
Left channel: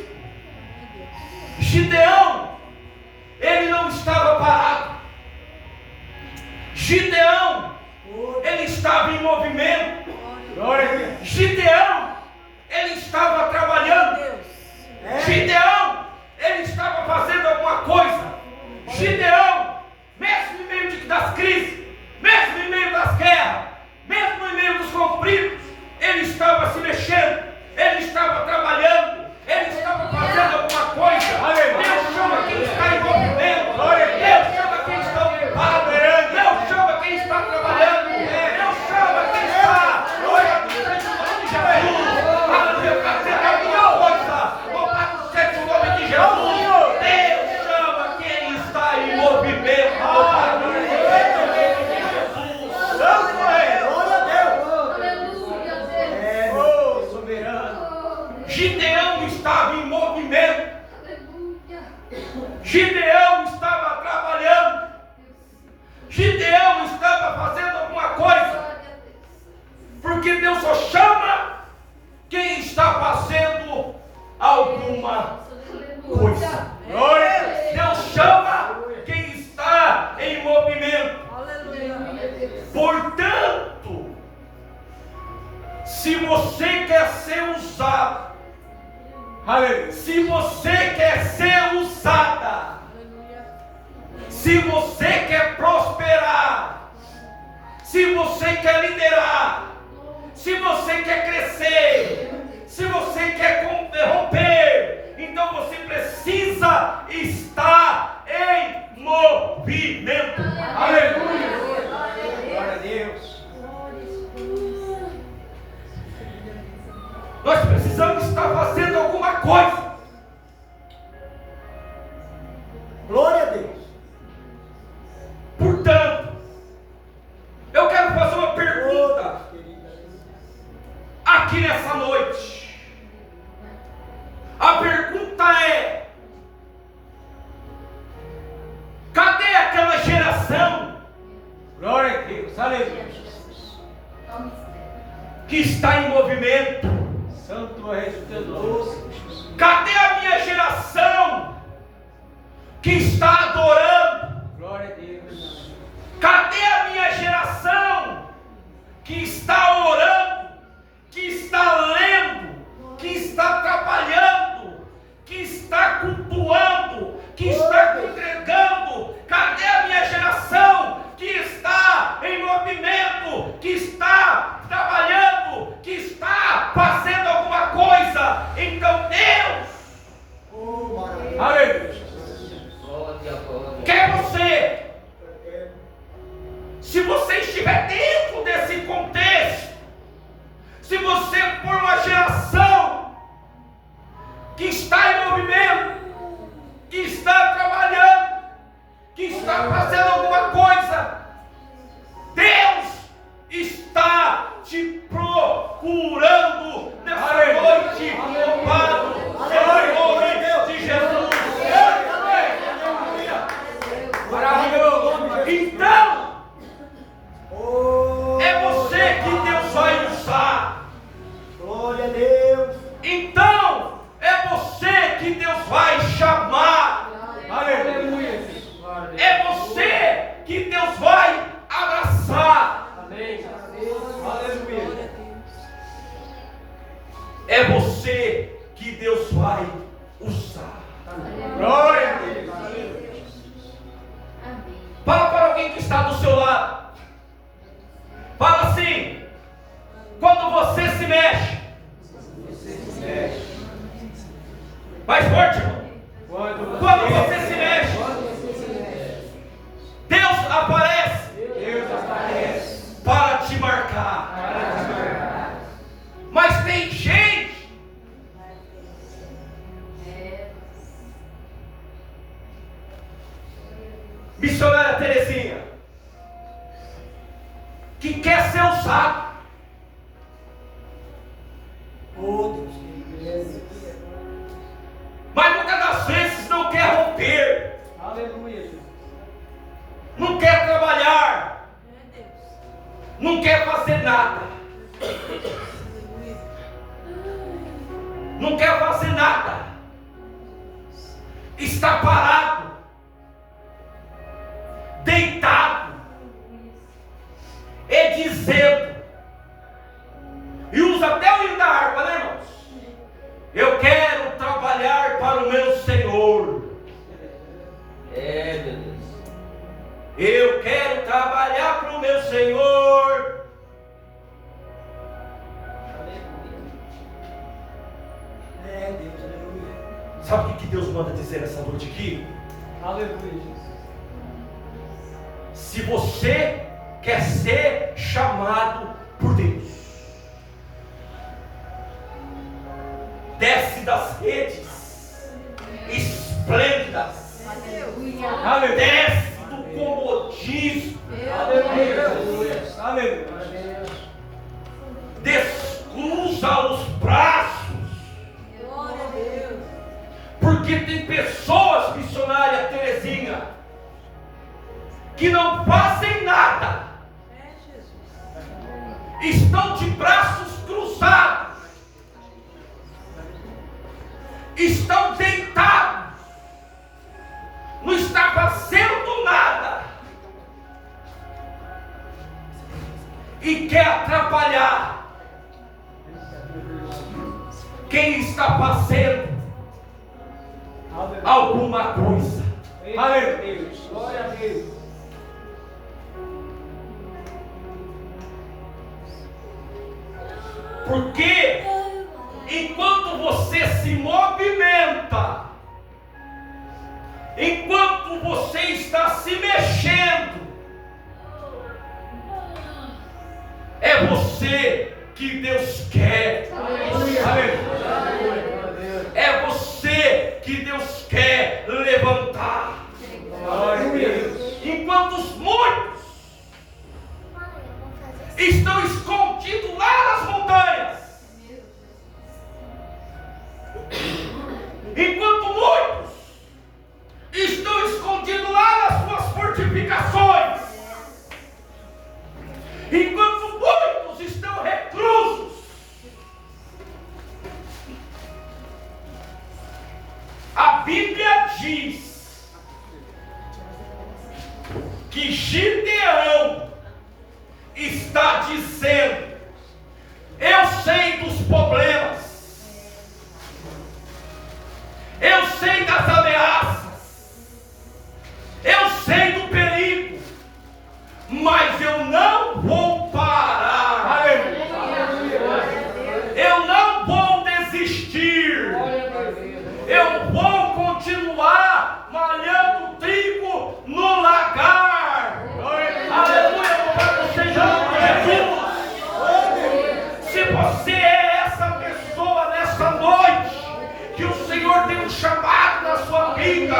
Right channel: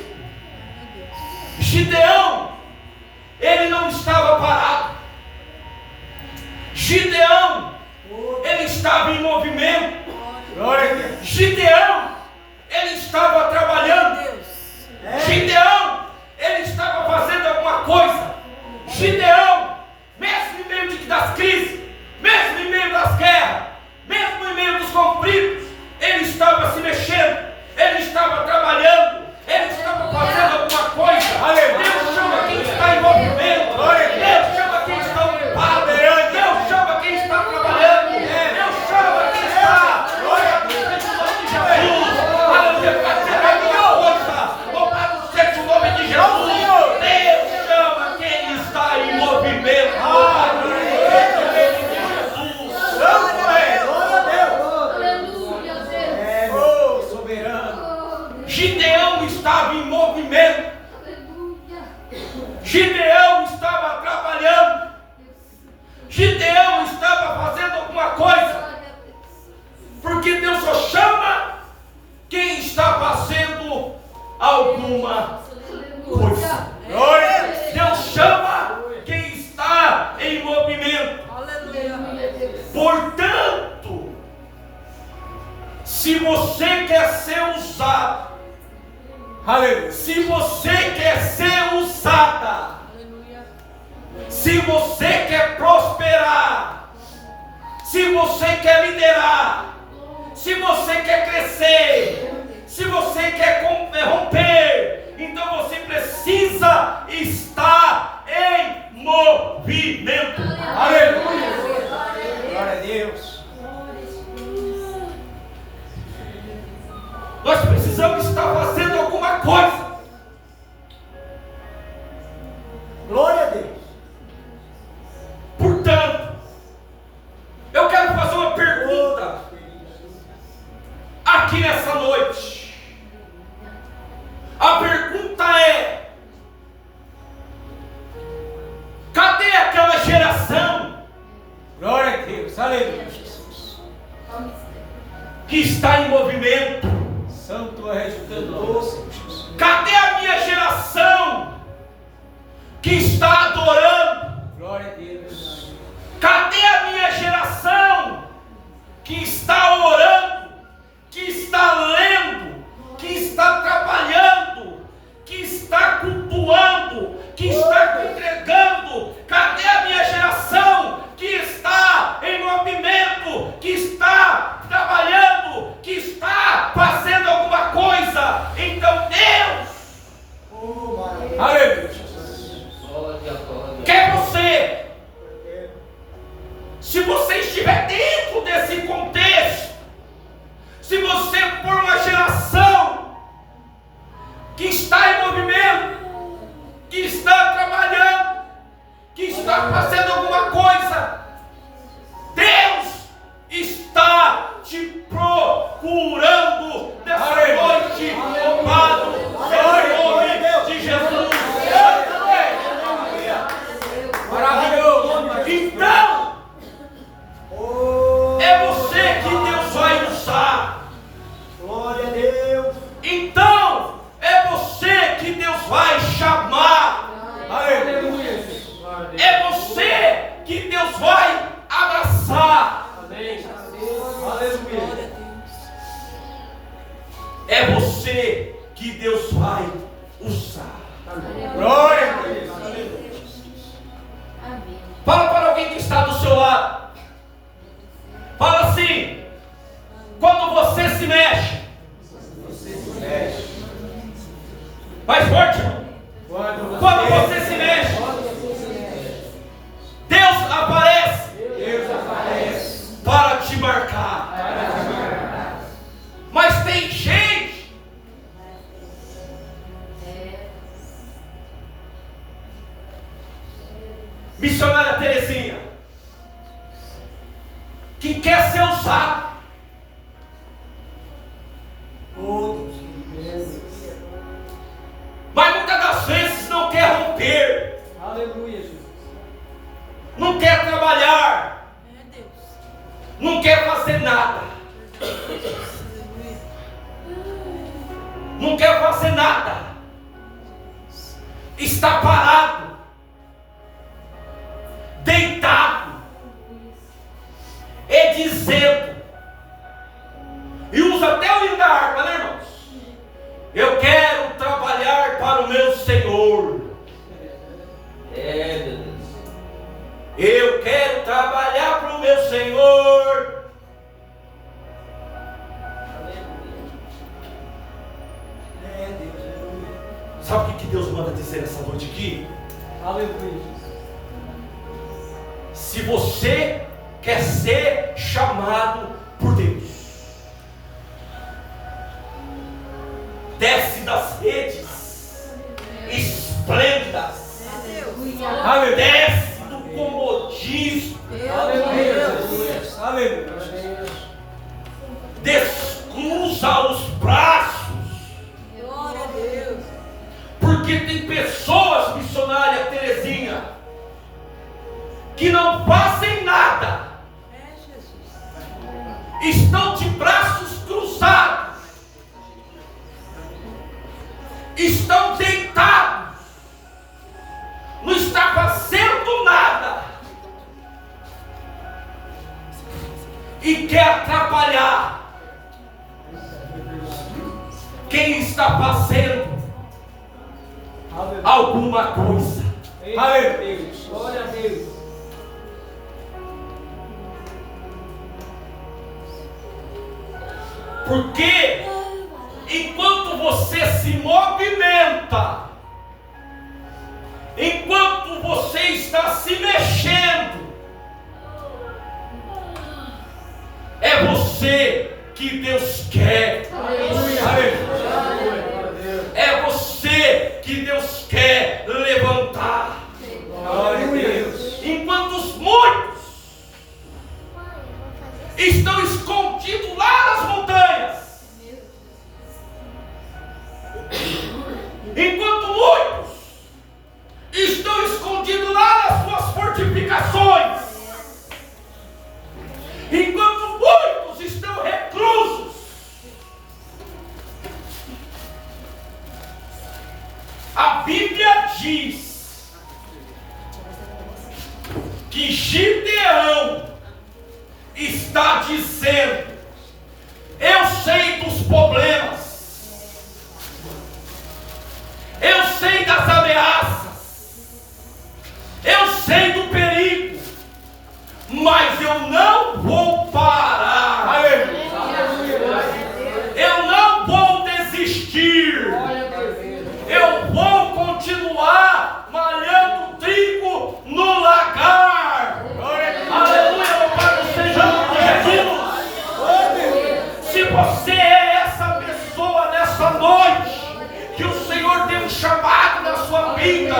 Gideão, ele não estava parado. Gideão, ele estava em movimento. Glória a Deus. Gideão, ele estava trabalhando. Gideão, ele estava fazendo alguma coisa. Gideão, mesmo em meio das crises, mesmo em meio das guerras, mesmo em meio dos conflitos, ele estava se mexendo. Ele estava trabalhando, ele estava fazendo alguma coisa. Deus chama quem está em movimento, Deus chama quem está ocupado, Deus chama quem está trabalhando, Deus chama quem está, glória a Deus, em nome de Jesus, aleluia, para ser alguma coisa, louvado seja o nome de Jesus. Deus chama quem está em movimento, louvado seja o nome de Jesus. Gideão estava em movimento. Gideão estava trabalhando. Gideão estava fazendo alguma coisa. Porque Deus só chama quem está fazendo alguma coisa. Deus chama quem está em movimento. Portanto, se você quer ser usado, se você quer ser usada, se você quer prosperar, se você quer liderar, se você quer crescer, se você quer romper, então você precisa estar em movimento. Aleluia! Glória a Deus. Nós precisamos estar fazendo alguma coisa. Glória a Deus. Portanto, eu quero fazer uma pergunta aqui nessa noite. A pergunta é: cadê aquela geração Glória a Deus. Aleluia, Jesus. que está em movimento? Santo és teu nome. Cadê a minha geração que está adorando? Glória a Deus. Cadê a minha geração que está orando, que está lendo, que está trabalhando, que está cultuando, que está congregando? Cadê a minha geração que está em movimento, que está trabalhando, que está fazendo alguma coisa? Então Deus Aleluia. quer você. Se você estiver dentro desse contexto, se você for uma geração que está em movimento, que está trabalhando, que está fazendo alguma coisa, Deus está te procurando nessa noite. Louvado seja o nome de Jesus. Então, é você que Deus vai usar. Glória a Deus. Então, é você que Deus vai chamar. Aleluia. É você que Deus vai abraçar. Amém. Aleluia. É você que Deus vai usar. Glória a Deus. Fala para alguém que está do seu lado. Fala assim: quando você se mexe. Mais forte, irmão. Quando você se mexe, Deus aparece para te marcar. Mas tem gente missionária Terezinha que quer ser usado. Mas muitas das vezes não quer romper, Aleluia, Jesus. não quer trabalhar, não quer fazer nada, não quer fazer nada, está parado, deitado, e dizendo, e usa até o hino da harpa, né, irmãos? Eu quero trabalhar para o meu Senhor. Eu quero trabalhar para o meu Senhor. Sabe o que Deus manda dizer essa noite aqui? Aleluia. Se você quer ser chamado por Deus, desce das redes esplêndidas, desce do comodismo, descruza os braços, porque tem pessoas, missionária Terezinha, que não fazem nada, estão de braços cruzados, estão deitados, não está fazendo nada, e quer atrapalhar quem está fazendo alguma coisa. Aleluia. Glória a Deus. Porque enquanto você se movimenta, enquanto você está se mexendo, é você que Deus quer. É você que Deus quer levantar. Enquanto os muitos estão escondidos lá nas montanhas, enquanto muitos estão escondidos lá nas suas fortificações, enquanto muitos diz que Gideão está dizendo: eu sei dos problemas, eu sei das ameaças, eu sei do perigo, mas eu não vou parar, eu não vou desistir, eu vou continuar malhando trigo no lagar. Aleluia, louvado seja o nome de Jesus. Se você é essa pessoa nessa noite, que o Senhor tem um chamado na sua vida,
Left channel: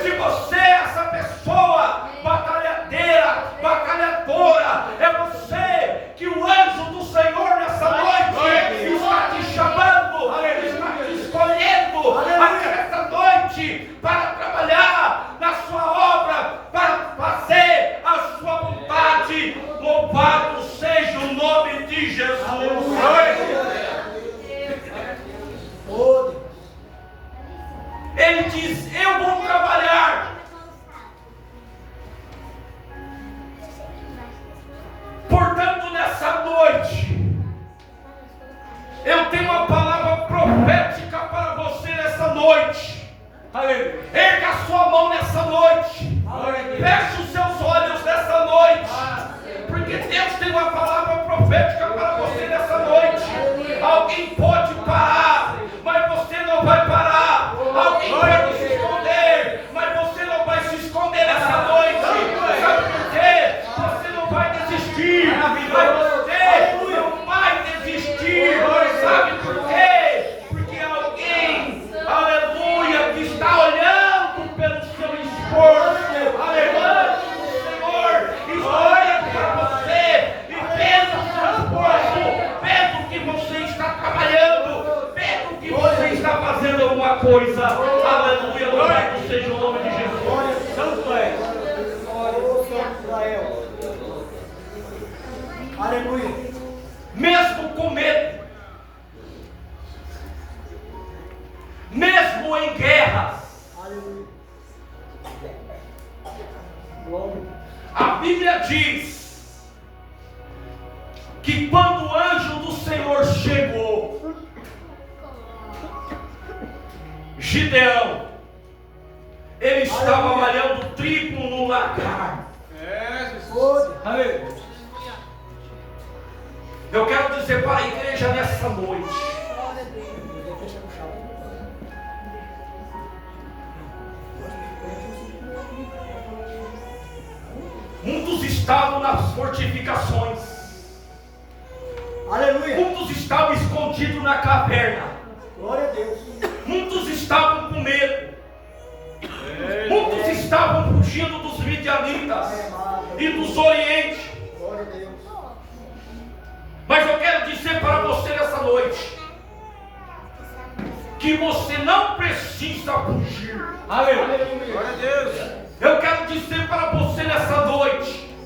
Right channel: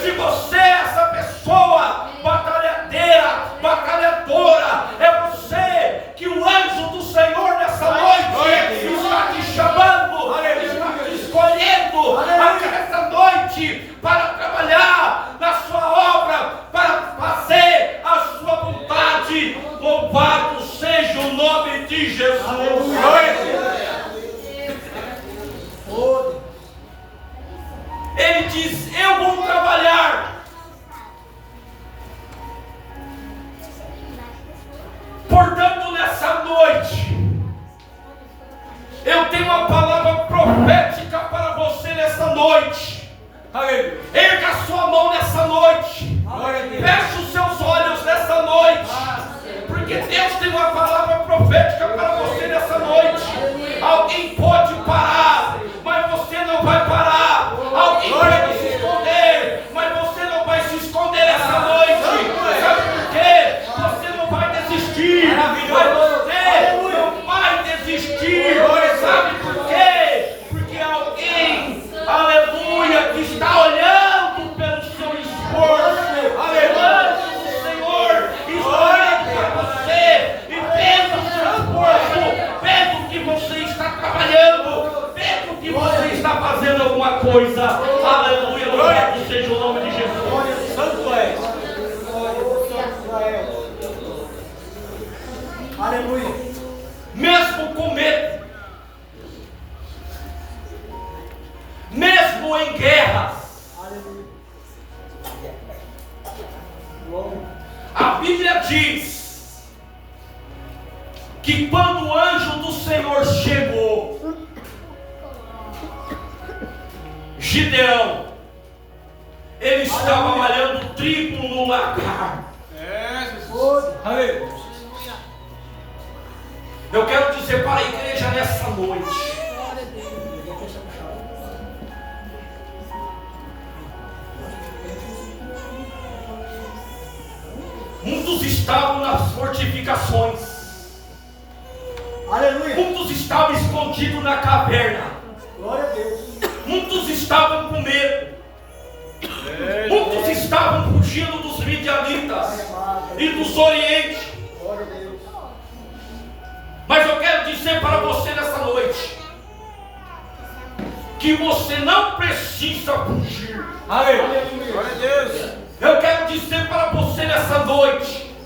se você é essa pessoa batalhadeira, batalhadora, é você que o anjo do Senhor nessa noite está te chamando, está te escolhendo essa noite para trabalhar na sua obra, para fazer a sua vontade. Louvado seja o nome de Jesus. Ele diz: eu vou trabalhar. Portanto, nessa noite, eu tenho uma palavra profética para você nessa noite. Erga a sua mão nessa noite. Feche os seus olhos nessa noite. Porque Deus tem uma palavra profética para você nessa noite. Alguém pode parar, mas você não vai parar. Alguém pode se esconder, mas você não vai se esconder nessa noite. Sabe por quê? Você não vai desistir, mas você não vai desistir. Sabe por quê? Porque alguém, aleluia, que está olhando pelo seu esforço, aleluia, o Senhor está olhando para você e vendo o seu esforço, vendo que você está trabalhando, vendo que você está fazendo alguma coisa. Aleluia, louvado seja o nome de Jesus. Santo é. Aleluia. Mesmo com medo, mesmo em guerras, a Bíblia diz que quando o anjo do Senhor chegou, Gideão, ele estava malhando trigo no lagar. Eu quero dizer para a igreja nessa noite: muitos estavam nas fortificações, muitos estavam escondidos na caverna, muitos estavam com medo, muitos estavam fugindo dos midianitas e dos orientes. Mas eu quero dizer para você nessa noite que você não precisa fugir. Glória a Deus. Eu quero dizer para você nessa noite,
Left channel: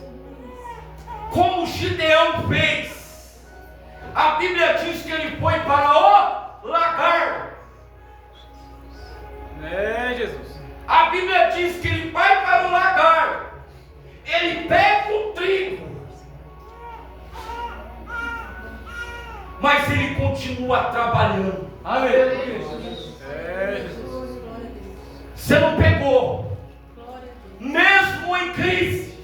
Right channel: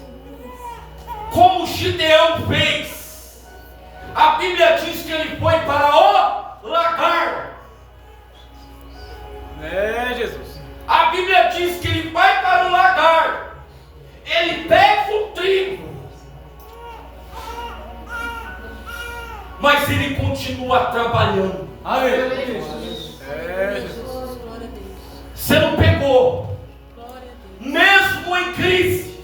como Gideão fez. A Bíblia diz que ele foi para o lagar. Jesus. A Bíblia diz que ele vai para o lagar. Ele pega o trigo, mas ele continua trabalhando. Jesus. Você não pegou? Mesmo em crise,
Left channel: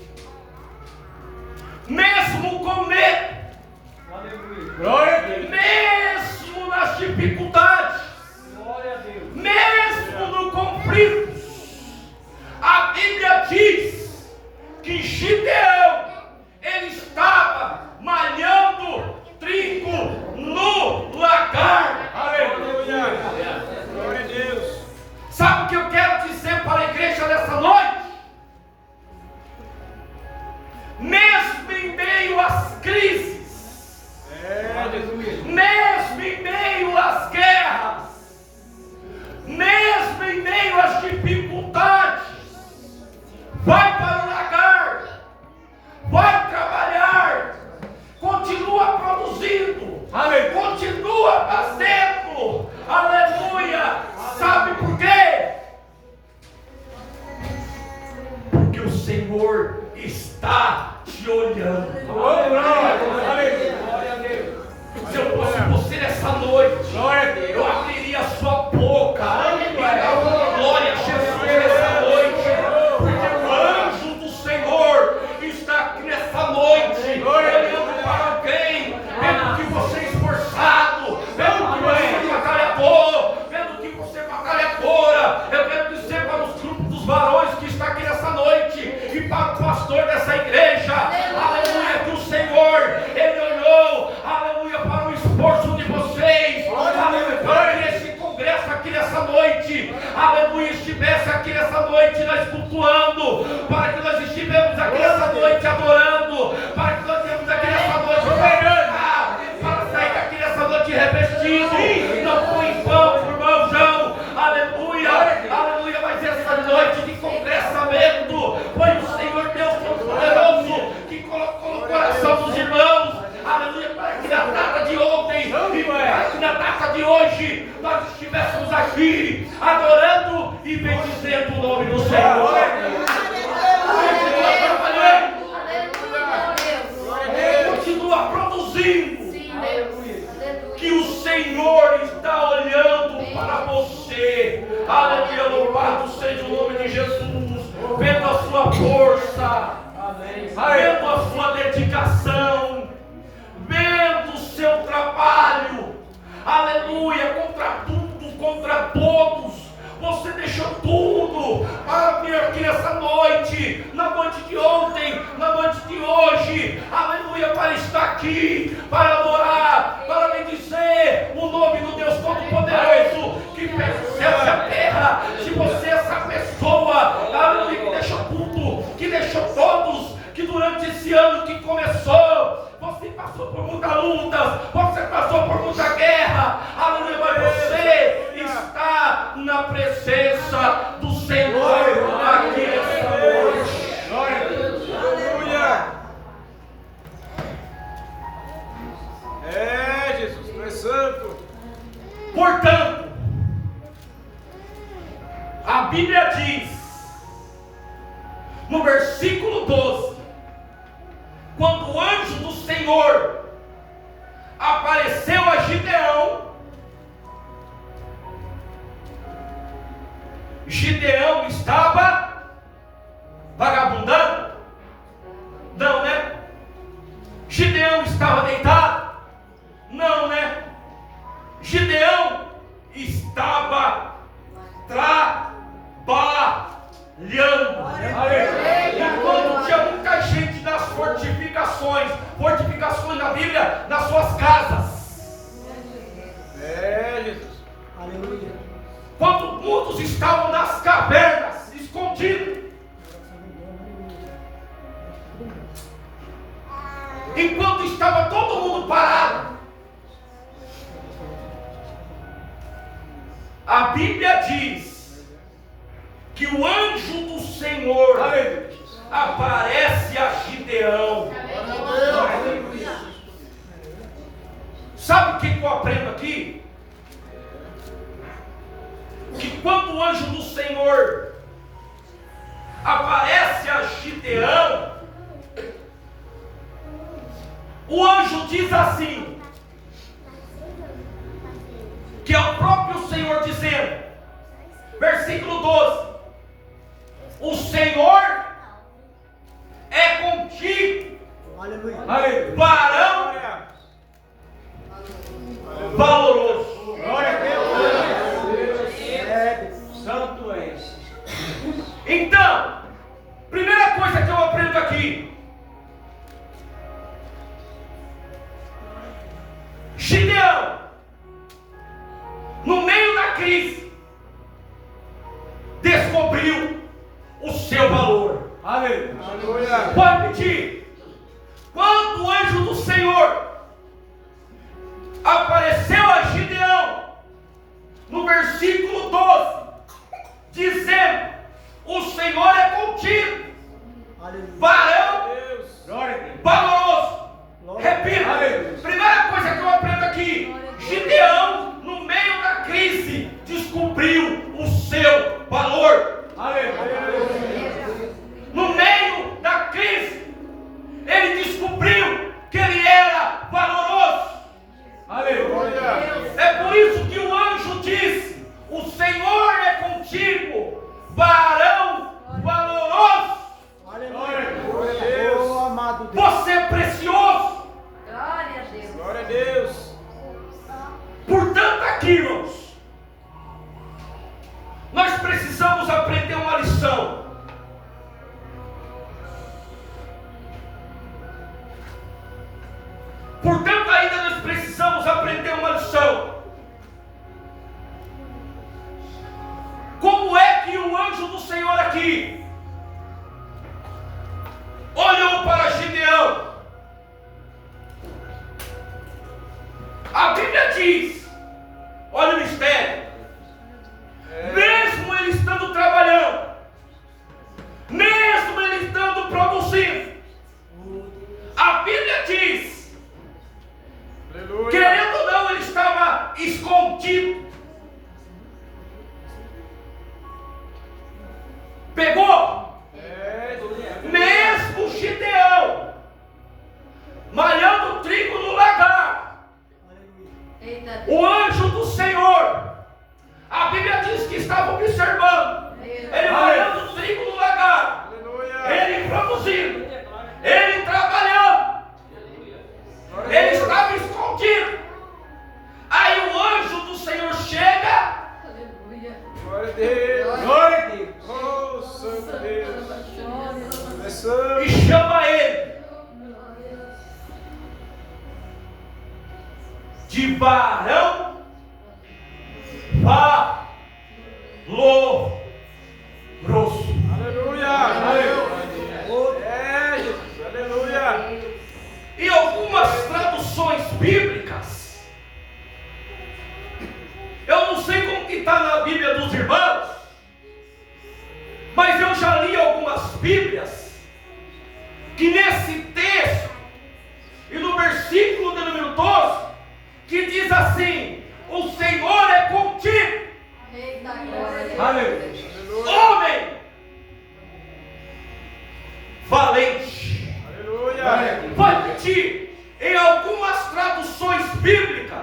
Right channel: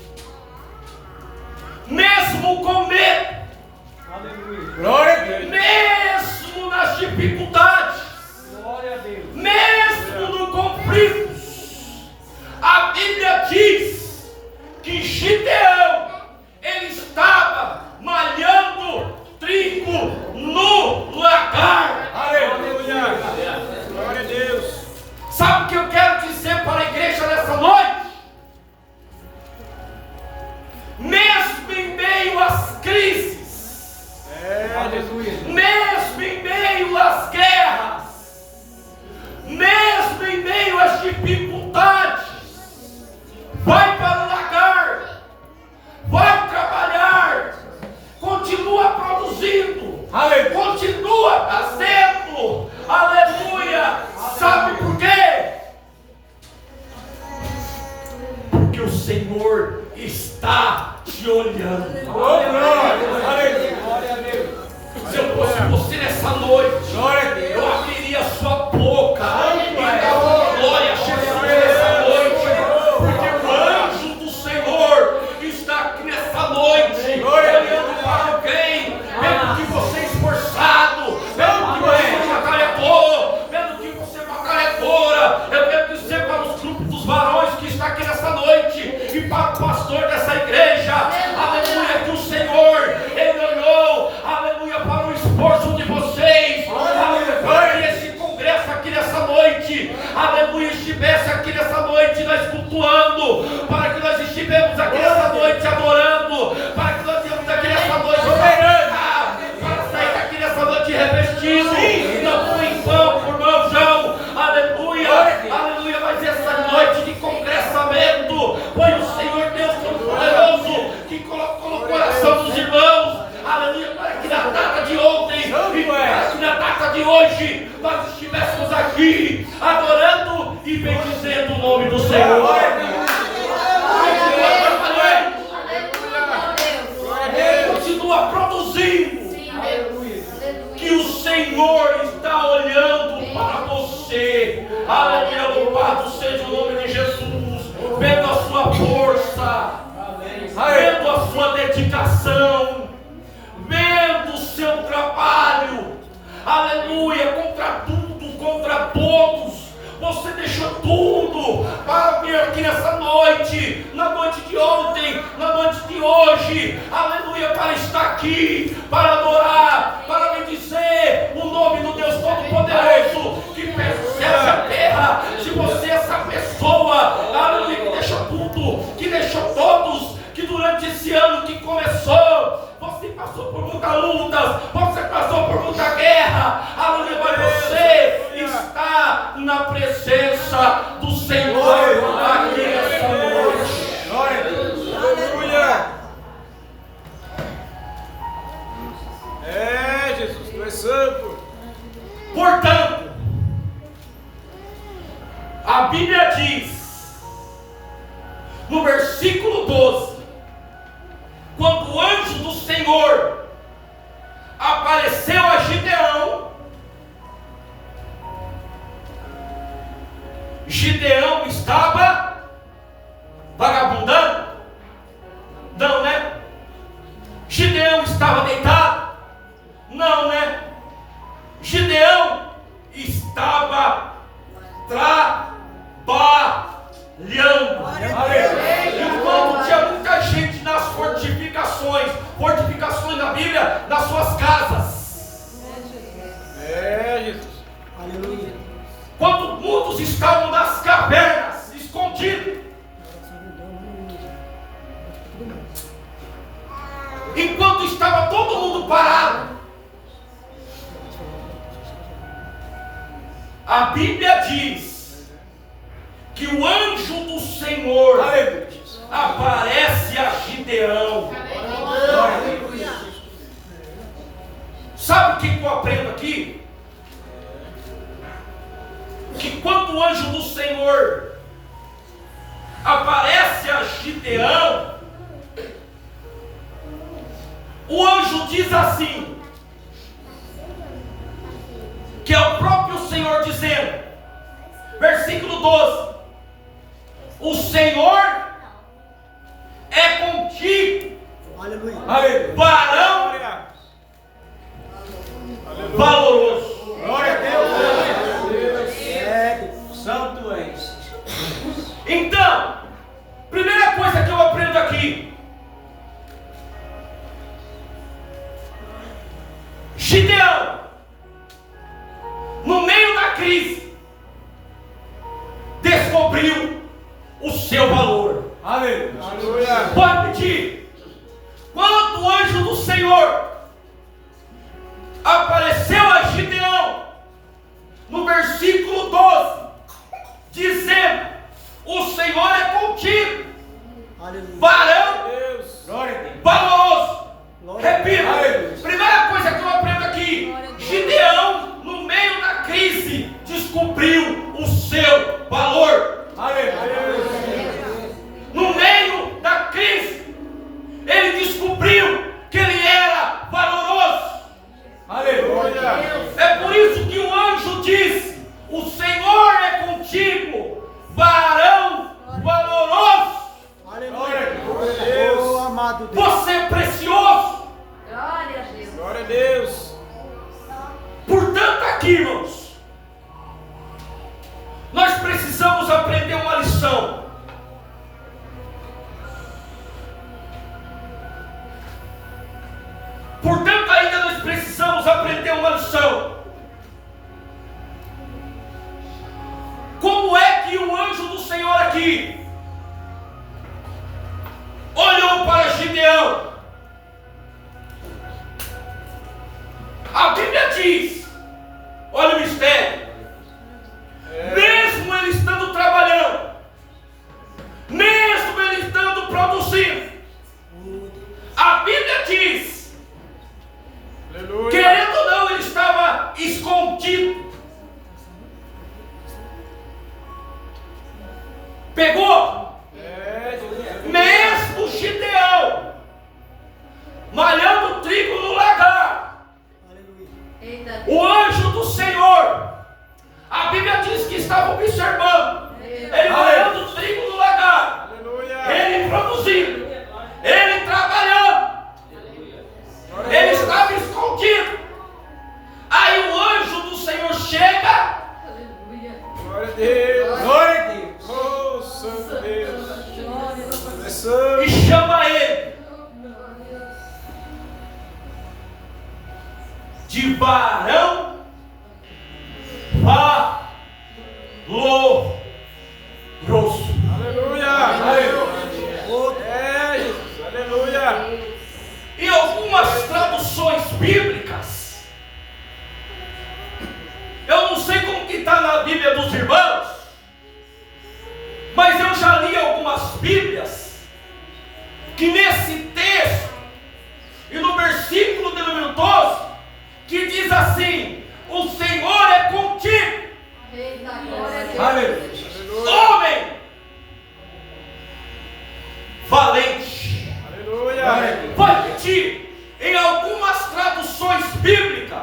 mesmo com medo, Glória a Deus. mesmo nas dificuldades, mesmo no conflito, a Bíblia diz que Gideão, ele estava malhando trigo no lagar. Aleluia. Glória a Deus. Sabe o que eu quero dizer para a igreja nessa noite? Mesmo em meio às crises, Jesus. mesmo em meio às guerras, que você é esforçado, vendo que você é batalhador, vendo que você é batalhadora. Eu quero dizer para os grupos dos varões que está aqui nessa noite e para o pastor dessa igreja, aleluia, que o Senhor, Ele olhou, aleluia, para o esforço de vocês, aleluia, para que esse congresso aqui nessa noite, aleluia, estivesse aqui nessa noite nós cultuando, para que nós estivemos aqui nessa noite adorando, para que nós estivemos aqui nessa noite operando, para sair daqui nessa noite revestido, não foi em vão, por mão, João, aleluia, aleluia, mas essa noite de congressamento foi o Senhor Deus Todo-Poderoso que colocou no coração dos irmãos, aleluia, para que na data de ontem e para que na data de hoje nós estivéssemos aqui adorando e bendizendo o nome do Senhor. Continua produzindo. Que o Senhor está olhando para você. Aleluia, louvado seja o nome de Jesus. Vendo a sua força, vendo a sua dedicação, vendo o seu trabalho. Aleluia, contra tudo, contra todos. Você deixou tudo para vir aqui nessa noite, na noite de ontem, na noite de hoje, aleluia, para estar aqui, para adorar, para bendizer o nome do Deus Todo-Poderoso, que percebe a terra. Se você é essa pessoa, aleluia, que deixou tudo, que deixou todos, que durante esse ano que começou, você passou por muitas lutas, você passou por muita guerra, aleluia, mas você está na presença do Senhor aqui nessa noite. Glória a Deus. Aleluia. É, Jesus, tu és santo. Portanto, a Bíblia diz, no versículo 12, quando o anjo do Senhor apareceu a Gideão, Gideão estava vagabundando? Não, né? Gideão estava deitado? Não, né? Gideão estava trabalhando. Enquanto tinha muita gente nas fortificações na Bíblia, nas suas casas. É, Jesus. Aleluia. Quando muitos estavam nas cavernas, escondidos. Enquanto estava todo mundo parado. A Bíblia diz que o anjo do Senhor aparece a Gideão. Sabe o que eu aprendo aqui? Que quando o anjo do Senhor aparece a Gideão, o anjo diz assim, que é o próprio Senhor dizendo, versículo 12, o Senhor é contigo, Aleluia. varão valoroso. Glória a Deus. Santo és. Então, primeira coisa que eu aprendo aqui, Gideão, no meio da crise, descobriu o seu valor. Aleluia. Pode pedir. Quando o anjo do Senhor apareceu a Gideão, no versículo 12, dizendo, o Senhor é contigo, varão valoroso. Repita, primeira coisa que eu aprendo aqui, Gideão, no meio da crise, descobriu o seu valor. No meio da crise, ele descobriu que ele era valoroso. É por isso que o anjo diz, o Senhor é contigo, varão valoroso. Aleluia. Oh, amado Deus. Você é precioso. Glória a Deus. Glória a Deus. Portanto, aqui, irmãos, nós precisamos aprender uma lição. Portanto, ainda nós precisamos aprender uma lição. Como é que o anjo do Senhor aqui olhou para Gideão? A Bíblia diz, olha o mistério, mesmo ele estando trabalhando, mesmo ele estando produzindo, a Bíblia diz, Aleluia. querendo ou não, ele estava escondido. Pegou? Mesmo Gideão malhando trigo no lagar, o anjo do Senhor, a Bíblia diz que estava observando ele malhando trigo no lagar, Aleluia. ele produzindo, ele trabalhando, ele estava escondido. Aí o anjo do Senhor chega Glória a Deus. Glória a Deus. Oh, Santo Deus. É santo. e chama ele de varão valoroso. Aleluia. É, Jesus. Aleluia. Em algumas traduções bíblicas, eu não sei como que está na Bíblia dos irmãos, mas eu já li algumas Bíblias que nesse texto e no versículo de número 12, que diz assim: o Senhor é contigo, Eita, glória a Deus. Aleluia. homem valente. Aleluia. Vou repetir, em algumas traduções bíblicas,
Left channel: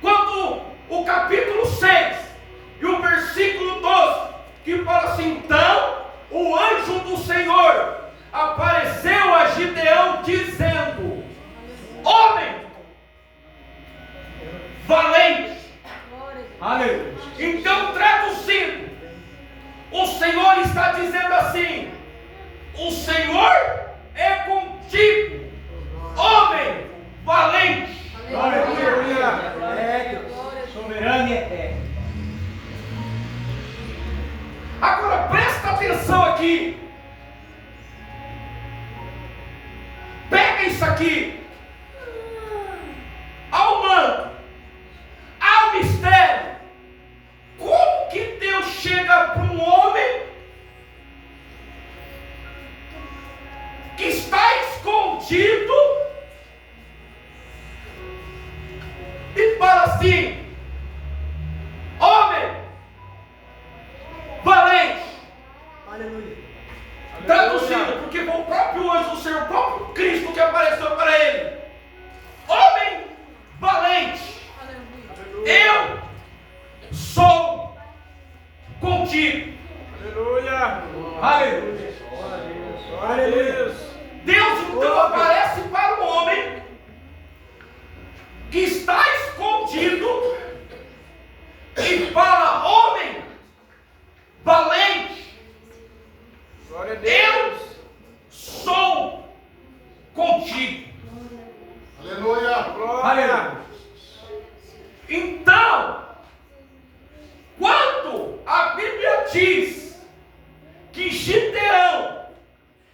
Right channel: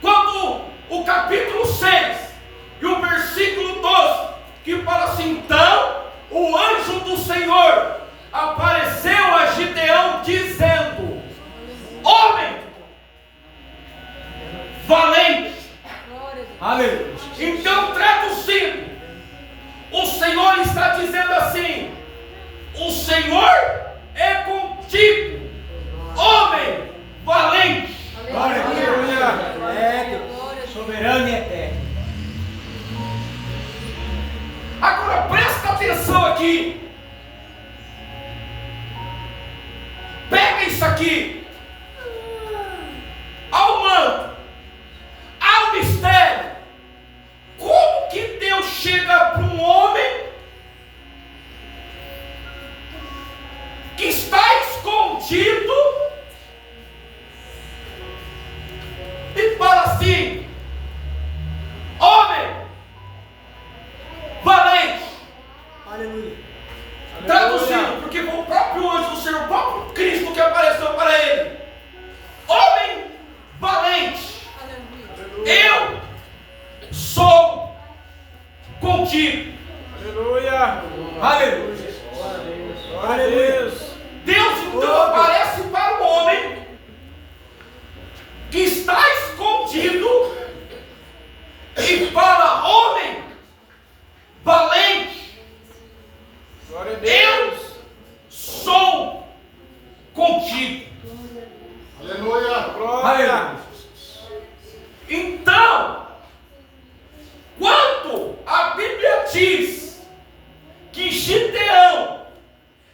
quando o capítulo 6 e o versículo 12, que fala assim: então o anjo do Senhor apareceu a Gideão dizendo: homem valente. Aleluia. Então, traduzindo, o Senhor está dizendo assim: o Senhor é contigo, homem valente. Aleluia. É, soberano e eterno. Agora presta atenção aqui. Pega isso aqui. Ao manto, ao mistério. Como que Deus chega para um homem que está escondido e fala assim: homem valente? Aleluia. Traduzindo, porque foi o próprio anjo do Senhor, o próprio Cristo que apareceu para ele: homem valente, eu sou contigo. Aleluia. Aleluia. Glória a Deus. Deus então aparece para o homem que está escondido e fala: homem valente, Glória a Deus. eu sou contigo. Aleluia. Glória. Então, quando a Bíblia diz que Gideão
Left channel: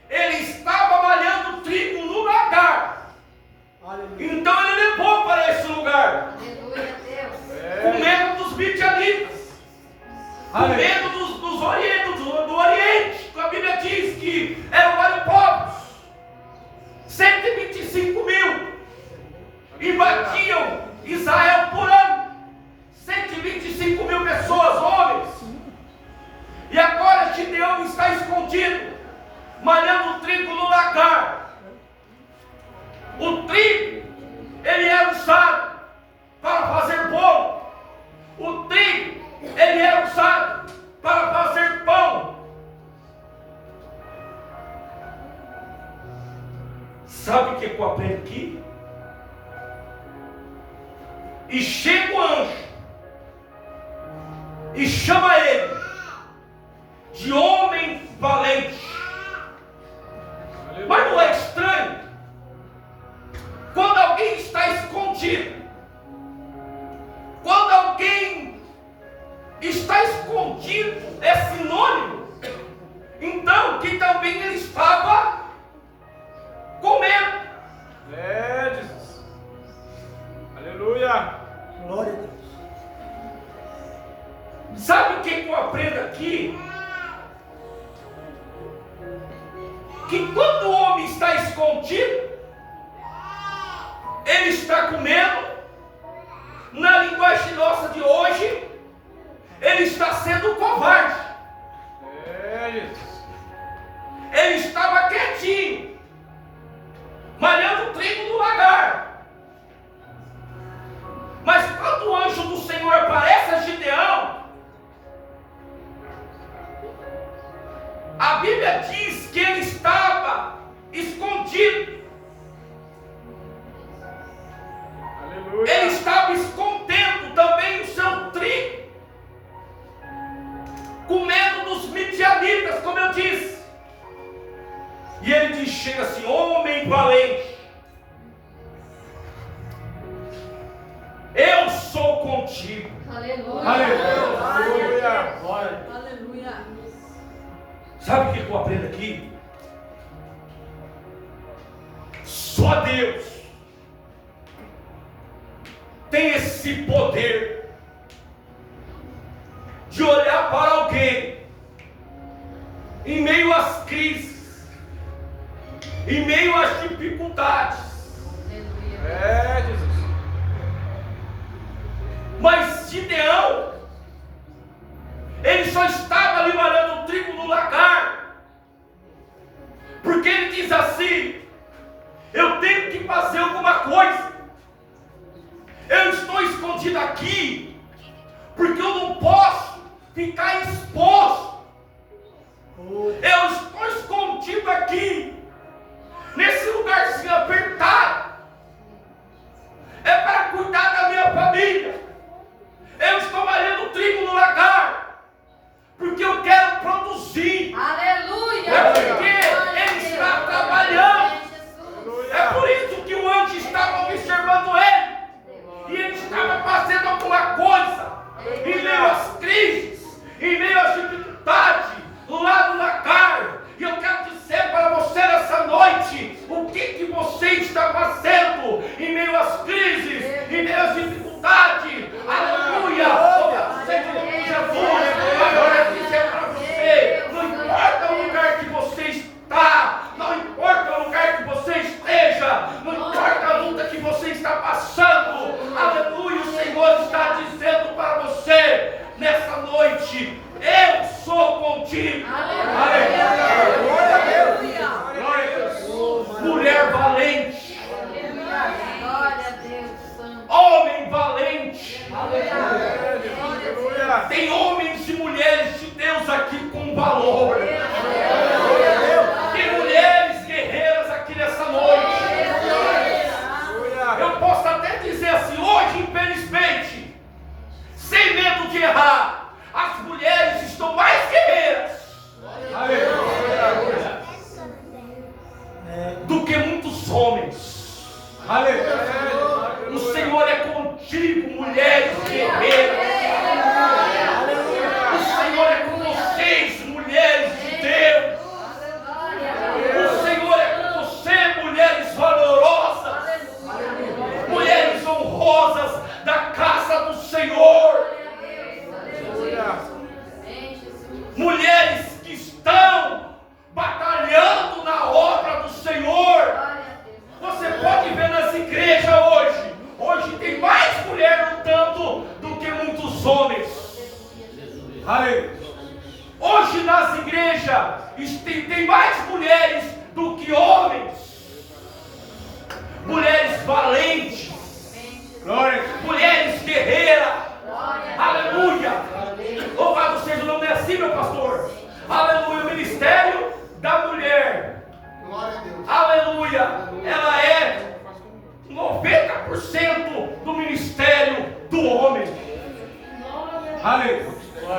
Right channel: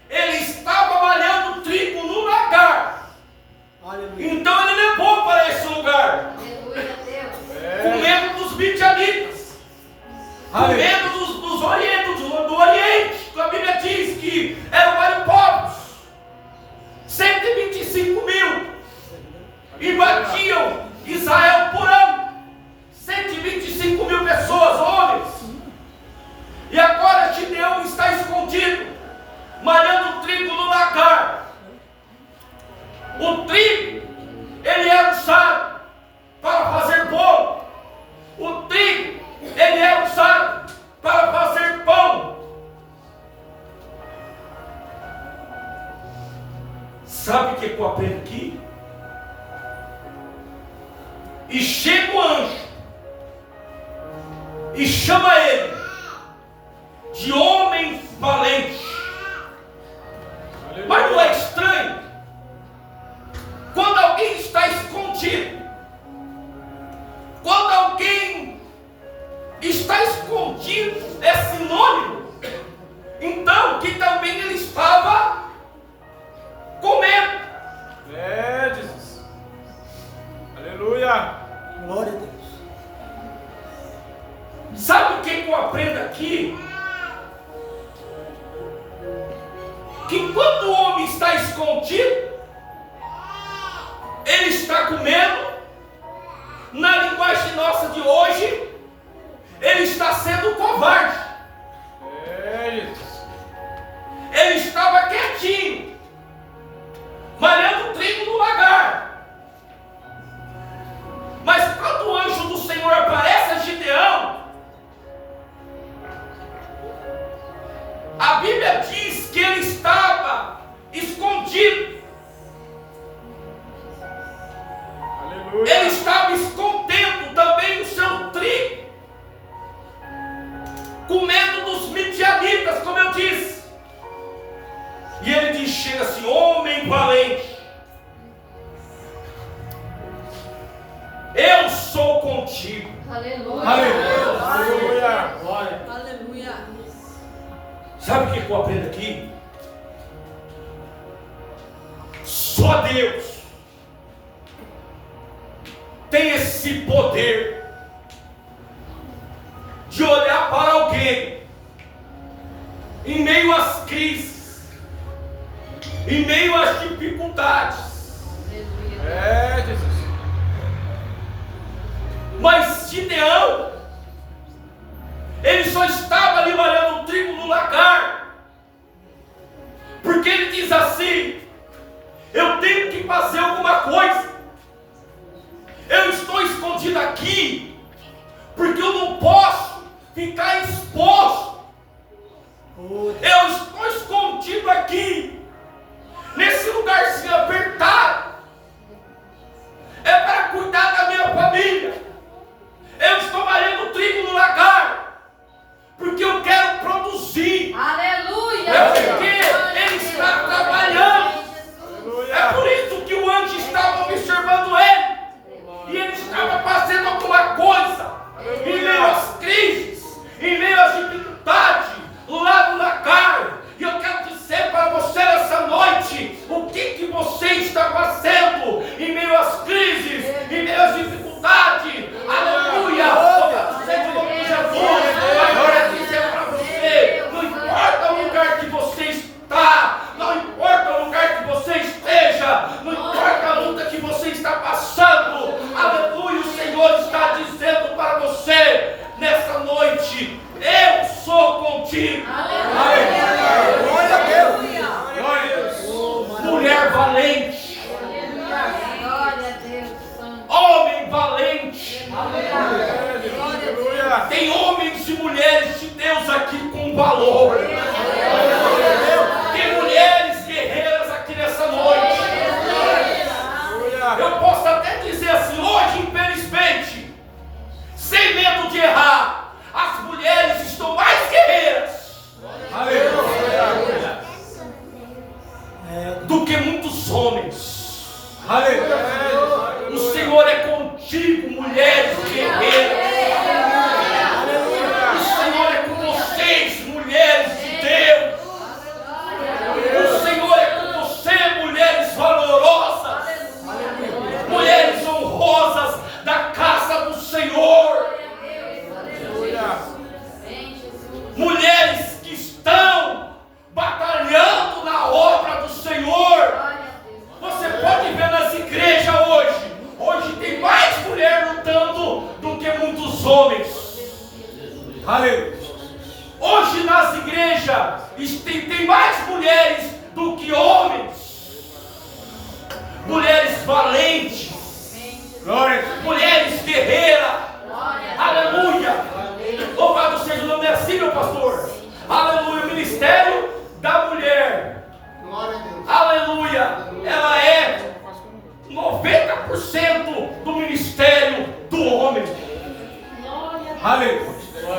ele estava malhando trigo no lagar, Aleluia. então ele levou para esse lugar, Aleluia a Deus. com medo dos midianitas, com Aleluia. medo do Oriente. A Bíblia diz que eram vários povos, 125 mil, invadiam Israel por ano, 125 mil pessoas, homens. E agora Gideão está escondido, malhando trigo no lagar. O trigo, ele era usado para fazer bolo. O trigo, ele era usado para fazer pão. Sabe o que eu aprendo aqui? E chega o anjo e chama ele de homem valente. Aleluia. Mas não é estranho? Quando alguém está escondido, quando alguém está escondido, é sinônimo, então, que também ele estava comendo. É, Jesus. Aleluia. Glória a Deus. Sabe o que eu aprendo aqui? Que quando o homem está escondido, ele está comendo. Na linguagem nossa de hoje, ele está sendo covarde. É, Jesus. Ele estava quietinho, malhando trigo no lagar. Mas quando o anjo do Senhor aparece a Gideão, a Bíblia diz que ele estava escondido. Aleluia. Ele estava escondendo também o seu trigo, com medo dos midianitas, como eu disse. E ele diz, chega assim, homem valente, eu sou contigo. Aleluia. Aleluia. Aleluia. Sabe o que eu aprendo aqui? Só Deus tem esse poder de olhar para alguém em meio às crises, em meio às dificuldades. Aleluia. É, Jesus. Mas Gideão, ele só estava ali malhando trigo no lagar, porque ele diz assim, eu tenho que fazer alguma coisa. Eu estou escondido aqui, porque eu não posso ficar exposto. Eu estou escondido aqui, nesse lugarzinho apertado. É para cuidar da minha família. Eu estou malhando trigo no lagar, porque eu quero produzir. Aleluia. É porque ele está trabalhando. É por isso que o anjo estava observando ele. E ele estava fazendo alguma coisa. Em meio às crises, em meio às dificuldades, lá no lagar. E eu quero dizer para você nessa noite, o que você está fazendo em meio às crises, em meio às dificuldades. Aleluia! Para você, em nome de Jesus. Agora eu dizer para você, não importa o lugar que você está, não importa o lugar que você esteja, não importa a luta que você está passando. Aleluia! O Senhor está dizendo para você nessa noite, eu sou contigo. Glória a Deus. Mulher valente, Glória a Deus. Santo. homem valente. Aleluia. Tem homens e mulheres de Deus aqui com valor. Tem mulheres guerreiras aqui nessa noite. Eu posso até dizer assim, hoje infelizmente, sem medo de errar, as mulheres estão mais guerreiras do que muitos homens. O Senhor é contigo, mulheres guerreiras. O Senhor é com vocês, mulheres de Deus. O Senhor é com você, mulheres valorosas, mulheres honrosas da casa do Senhor. Mulheres que estão batalhando na obra do Senhor. Você pode ver nas igrejas hoje. Hoje tem mais mulher lutando do que 90% do ministério do homem. Aleluia.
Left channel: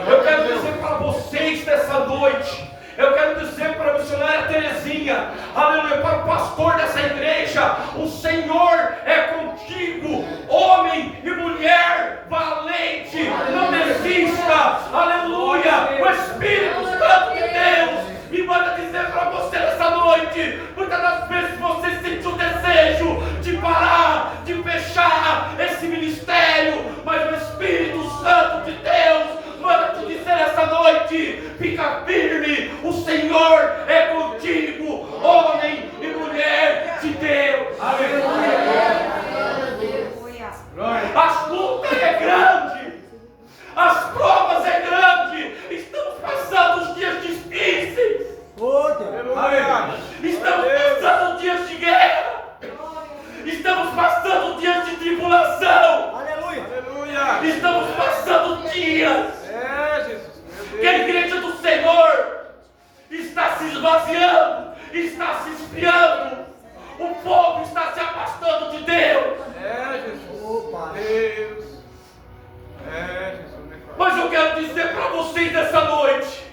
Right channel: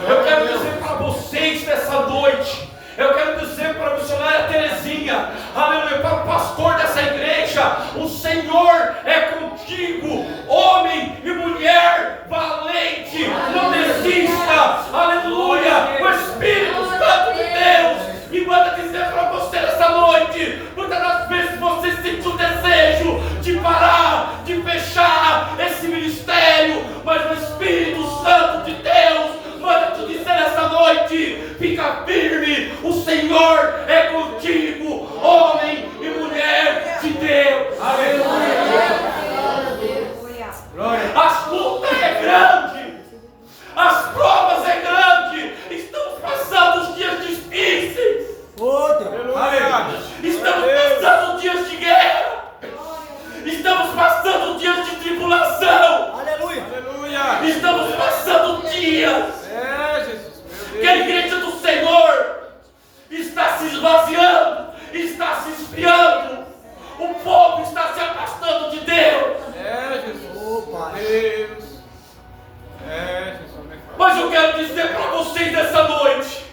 Eu quero dizer para vocês nessa noite, eu quero dizer para a missionária Terezinha, aleluia, para o pastor dessa igreja, o Senhor é contigo, homem e mulher valente, não desista, aleluia. O Espírito Santo de Deus me manda dizer para você nessa noite, muitas das vezes você sente o desejo de parar, de fechar esse ministério, mas o Espírito Santo de Deus manda te dizer essa noite, fica firme, o Senhor é contigo, homem e mulher de Deus. Aleluia. As lutas é grande, as provas é grande, estamos passando os dias difíceis, estamos passando dias de guerra, estamos passando dias de tribulação, estamos passando dias que a igreja do Senhor está se esvaziando, está se esfriando, o povo está se afastando de Deus. Mas eu quero dizer para vocês nessa noite,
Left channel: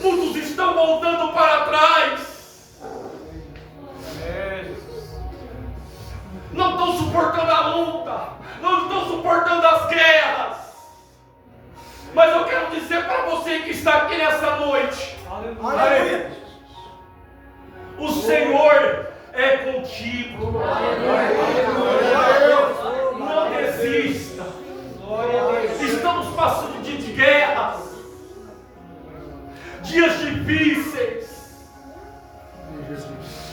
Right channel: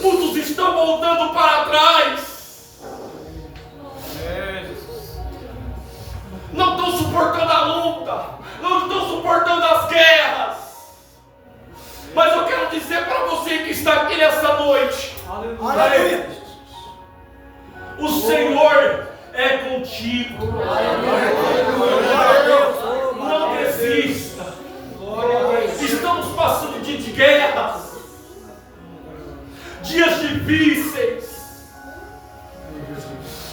muitos estão voltando para trás, não estão suportando a luta, não estão suportando as guerras. Mas eu quero dizer para você que está aqui nessa noite, o Senhor é contigo. Não desista. Estamos passando dias de guerras, dias difíceis,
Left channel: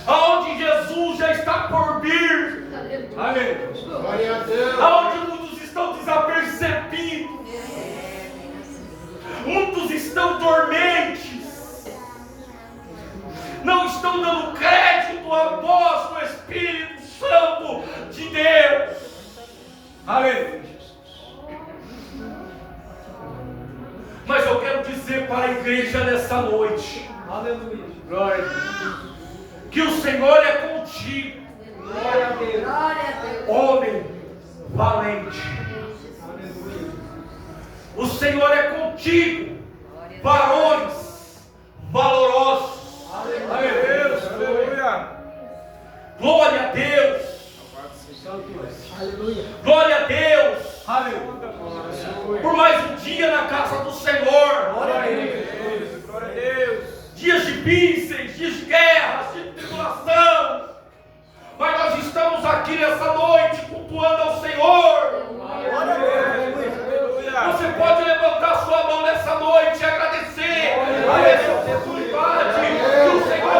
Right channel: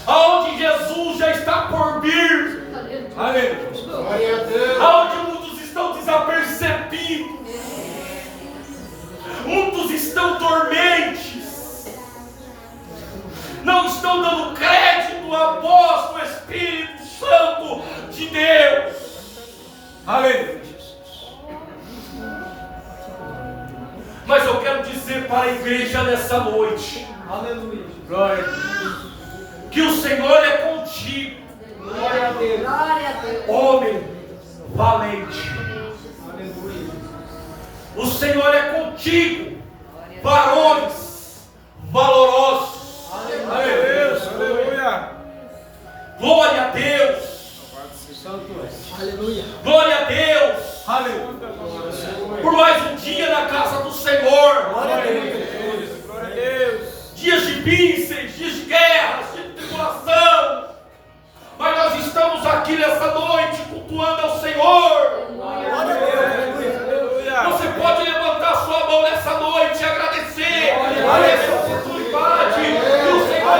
aonde Jesus já está por vir, aonde muitos estão desapercebidos, muitos estão dormentes, não estão dando crédito à voz do Espírito Santo de Deus. Aleluia. Mas eu quero dizer para a igreja nessa noite, aleluia, glória a Deus, que o Senhor é contigo, glória a Deus, homem valente. O Senhor é contigo, varões valorosos. Aleluia. Glória a Deus. Aleluia. Glória a Deus. Aleluia. Por mais um dia na casa do Senhor. Glória a Deus. Glória a Deus. Dias difíceis, dias de guerras, de tribulação. Mas nós estamos aqui nessa noite cultuando ao Senhor. Glória a Deus. Você pode levantar sua mão nessa noite e agradecer por essa oportunidade que o Senhor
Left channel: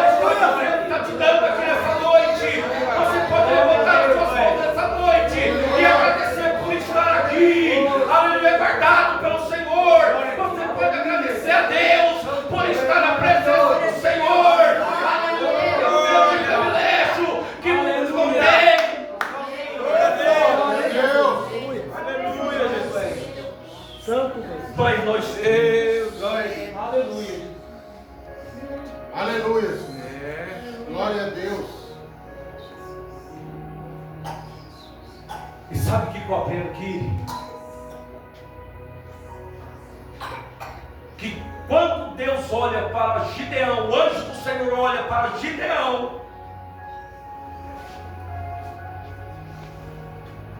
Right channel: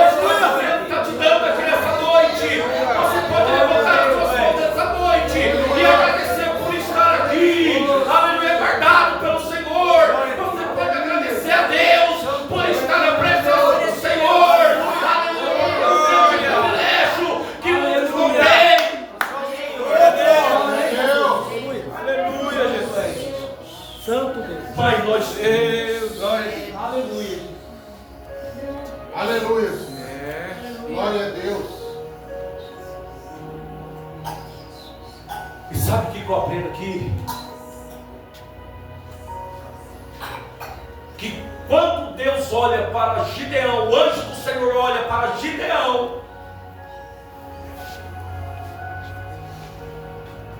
está te dando aqui nessa noite. Você pode levantar as suas mãos nessa noite e agradecer por estar aqui, aleluia, guardado pelo Senhor. Você pode agradecer a Deus por estar na presença do Senhor. Aleluia, é um grande privilégio que muitos não têm. Aleluia, Jesus. Santo Deus. Pai, nós Deus. Aleluia. Aleluia. Glória a Deus. E sabe o que eu aprendo aqui? Que quando Deus olha para Gideão, o anjo do Senhor olha para Gideão,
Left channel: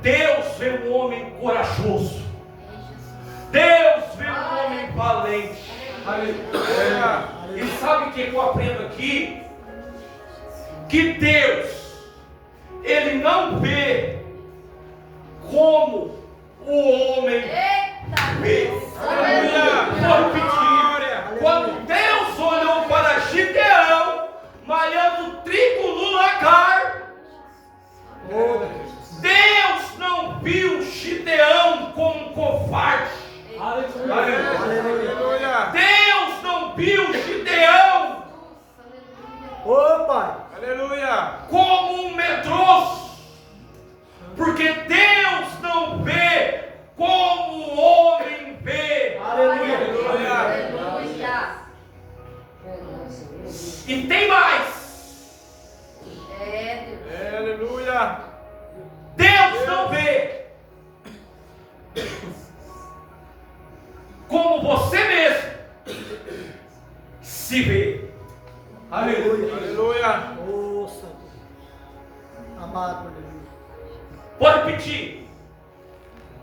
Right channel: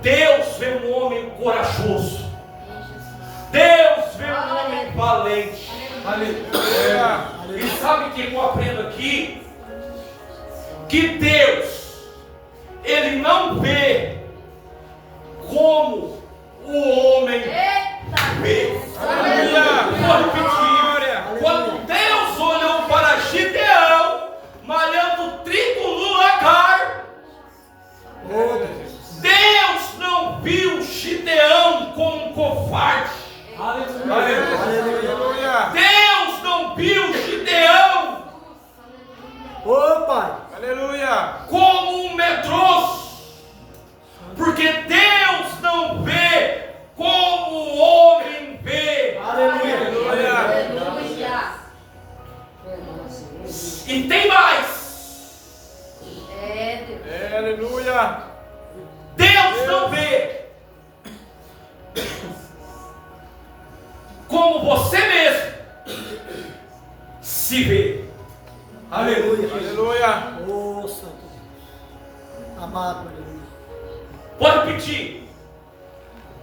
Deus vê um homem corajoso. Deus vê um homem valente. Aleluia. E sabe o que eu aprendo aqui? Que Deus, Ele não vê como o homem vê. Aleluia. Vou repetir. Quando Deus olhou para Gideão, malhando trigo no lagar, Deus não viu Gideão como um covarde. Aleluia. Deus não viu Gideão, aleluia, como um medroso, porque Deus não vê como o homem vê. Aleluia. E tem mais. Aleluia. não vê como você mesmo se vê. Aleluia. Aleluia. Oh, Santo. Amado, aleluia. Pode repetir.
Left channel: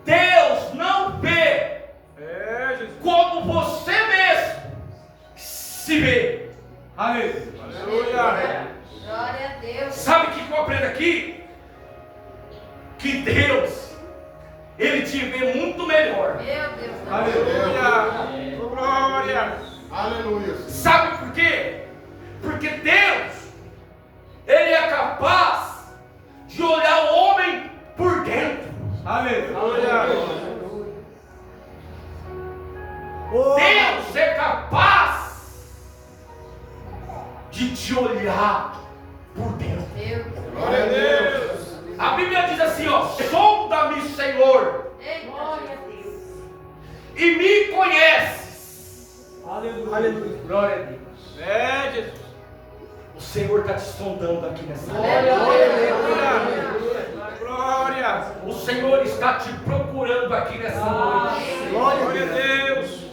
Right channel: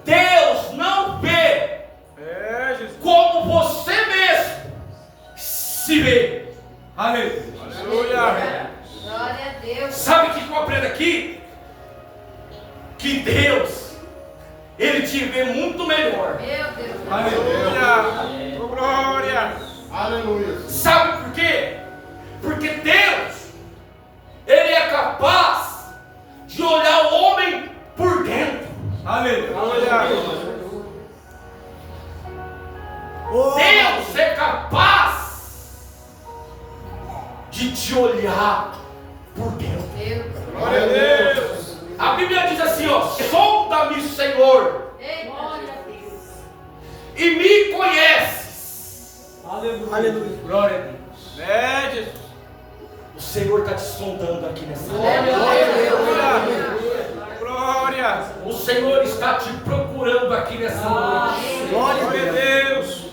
Deus não vê Jesus. como você mesmo se vê. Aleluia. Aleluia. Glória a Deus. Sabe o que eu aprendo aqui? Que Deus, Ele te vê muito melhor. Meu Deus. Aleluia. Oh, glória. Aleluia. Sabe por quê? Porque Deus, Ele é capaz de olhar o homem por dentro. Aleluia. Oh, Deus é capaz de te olhar por dentro. Deus. Glória a Deus. A Bíblia diz assim, ó: sonda-me, Senhor, Ei, glória a Deus. e me conheces. aleluia. Aleluia. Glória a Deus. Jesus. O Senhor está te sondando aqui nessa hora. Aleluia. Glória. O Senhor está te procurando aqui nessa noite. Glória a Glória a Deus. Deus.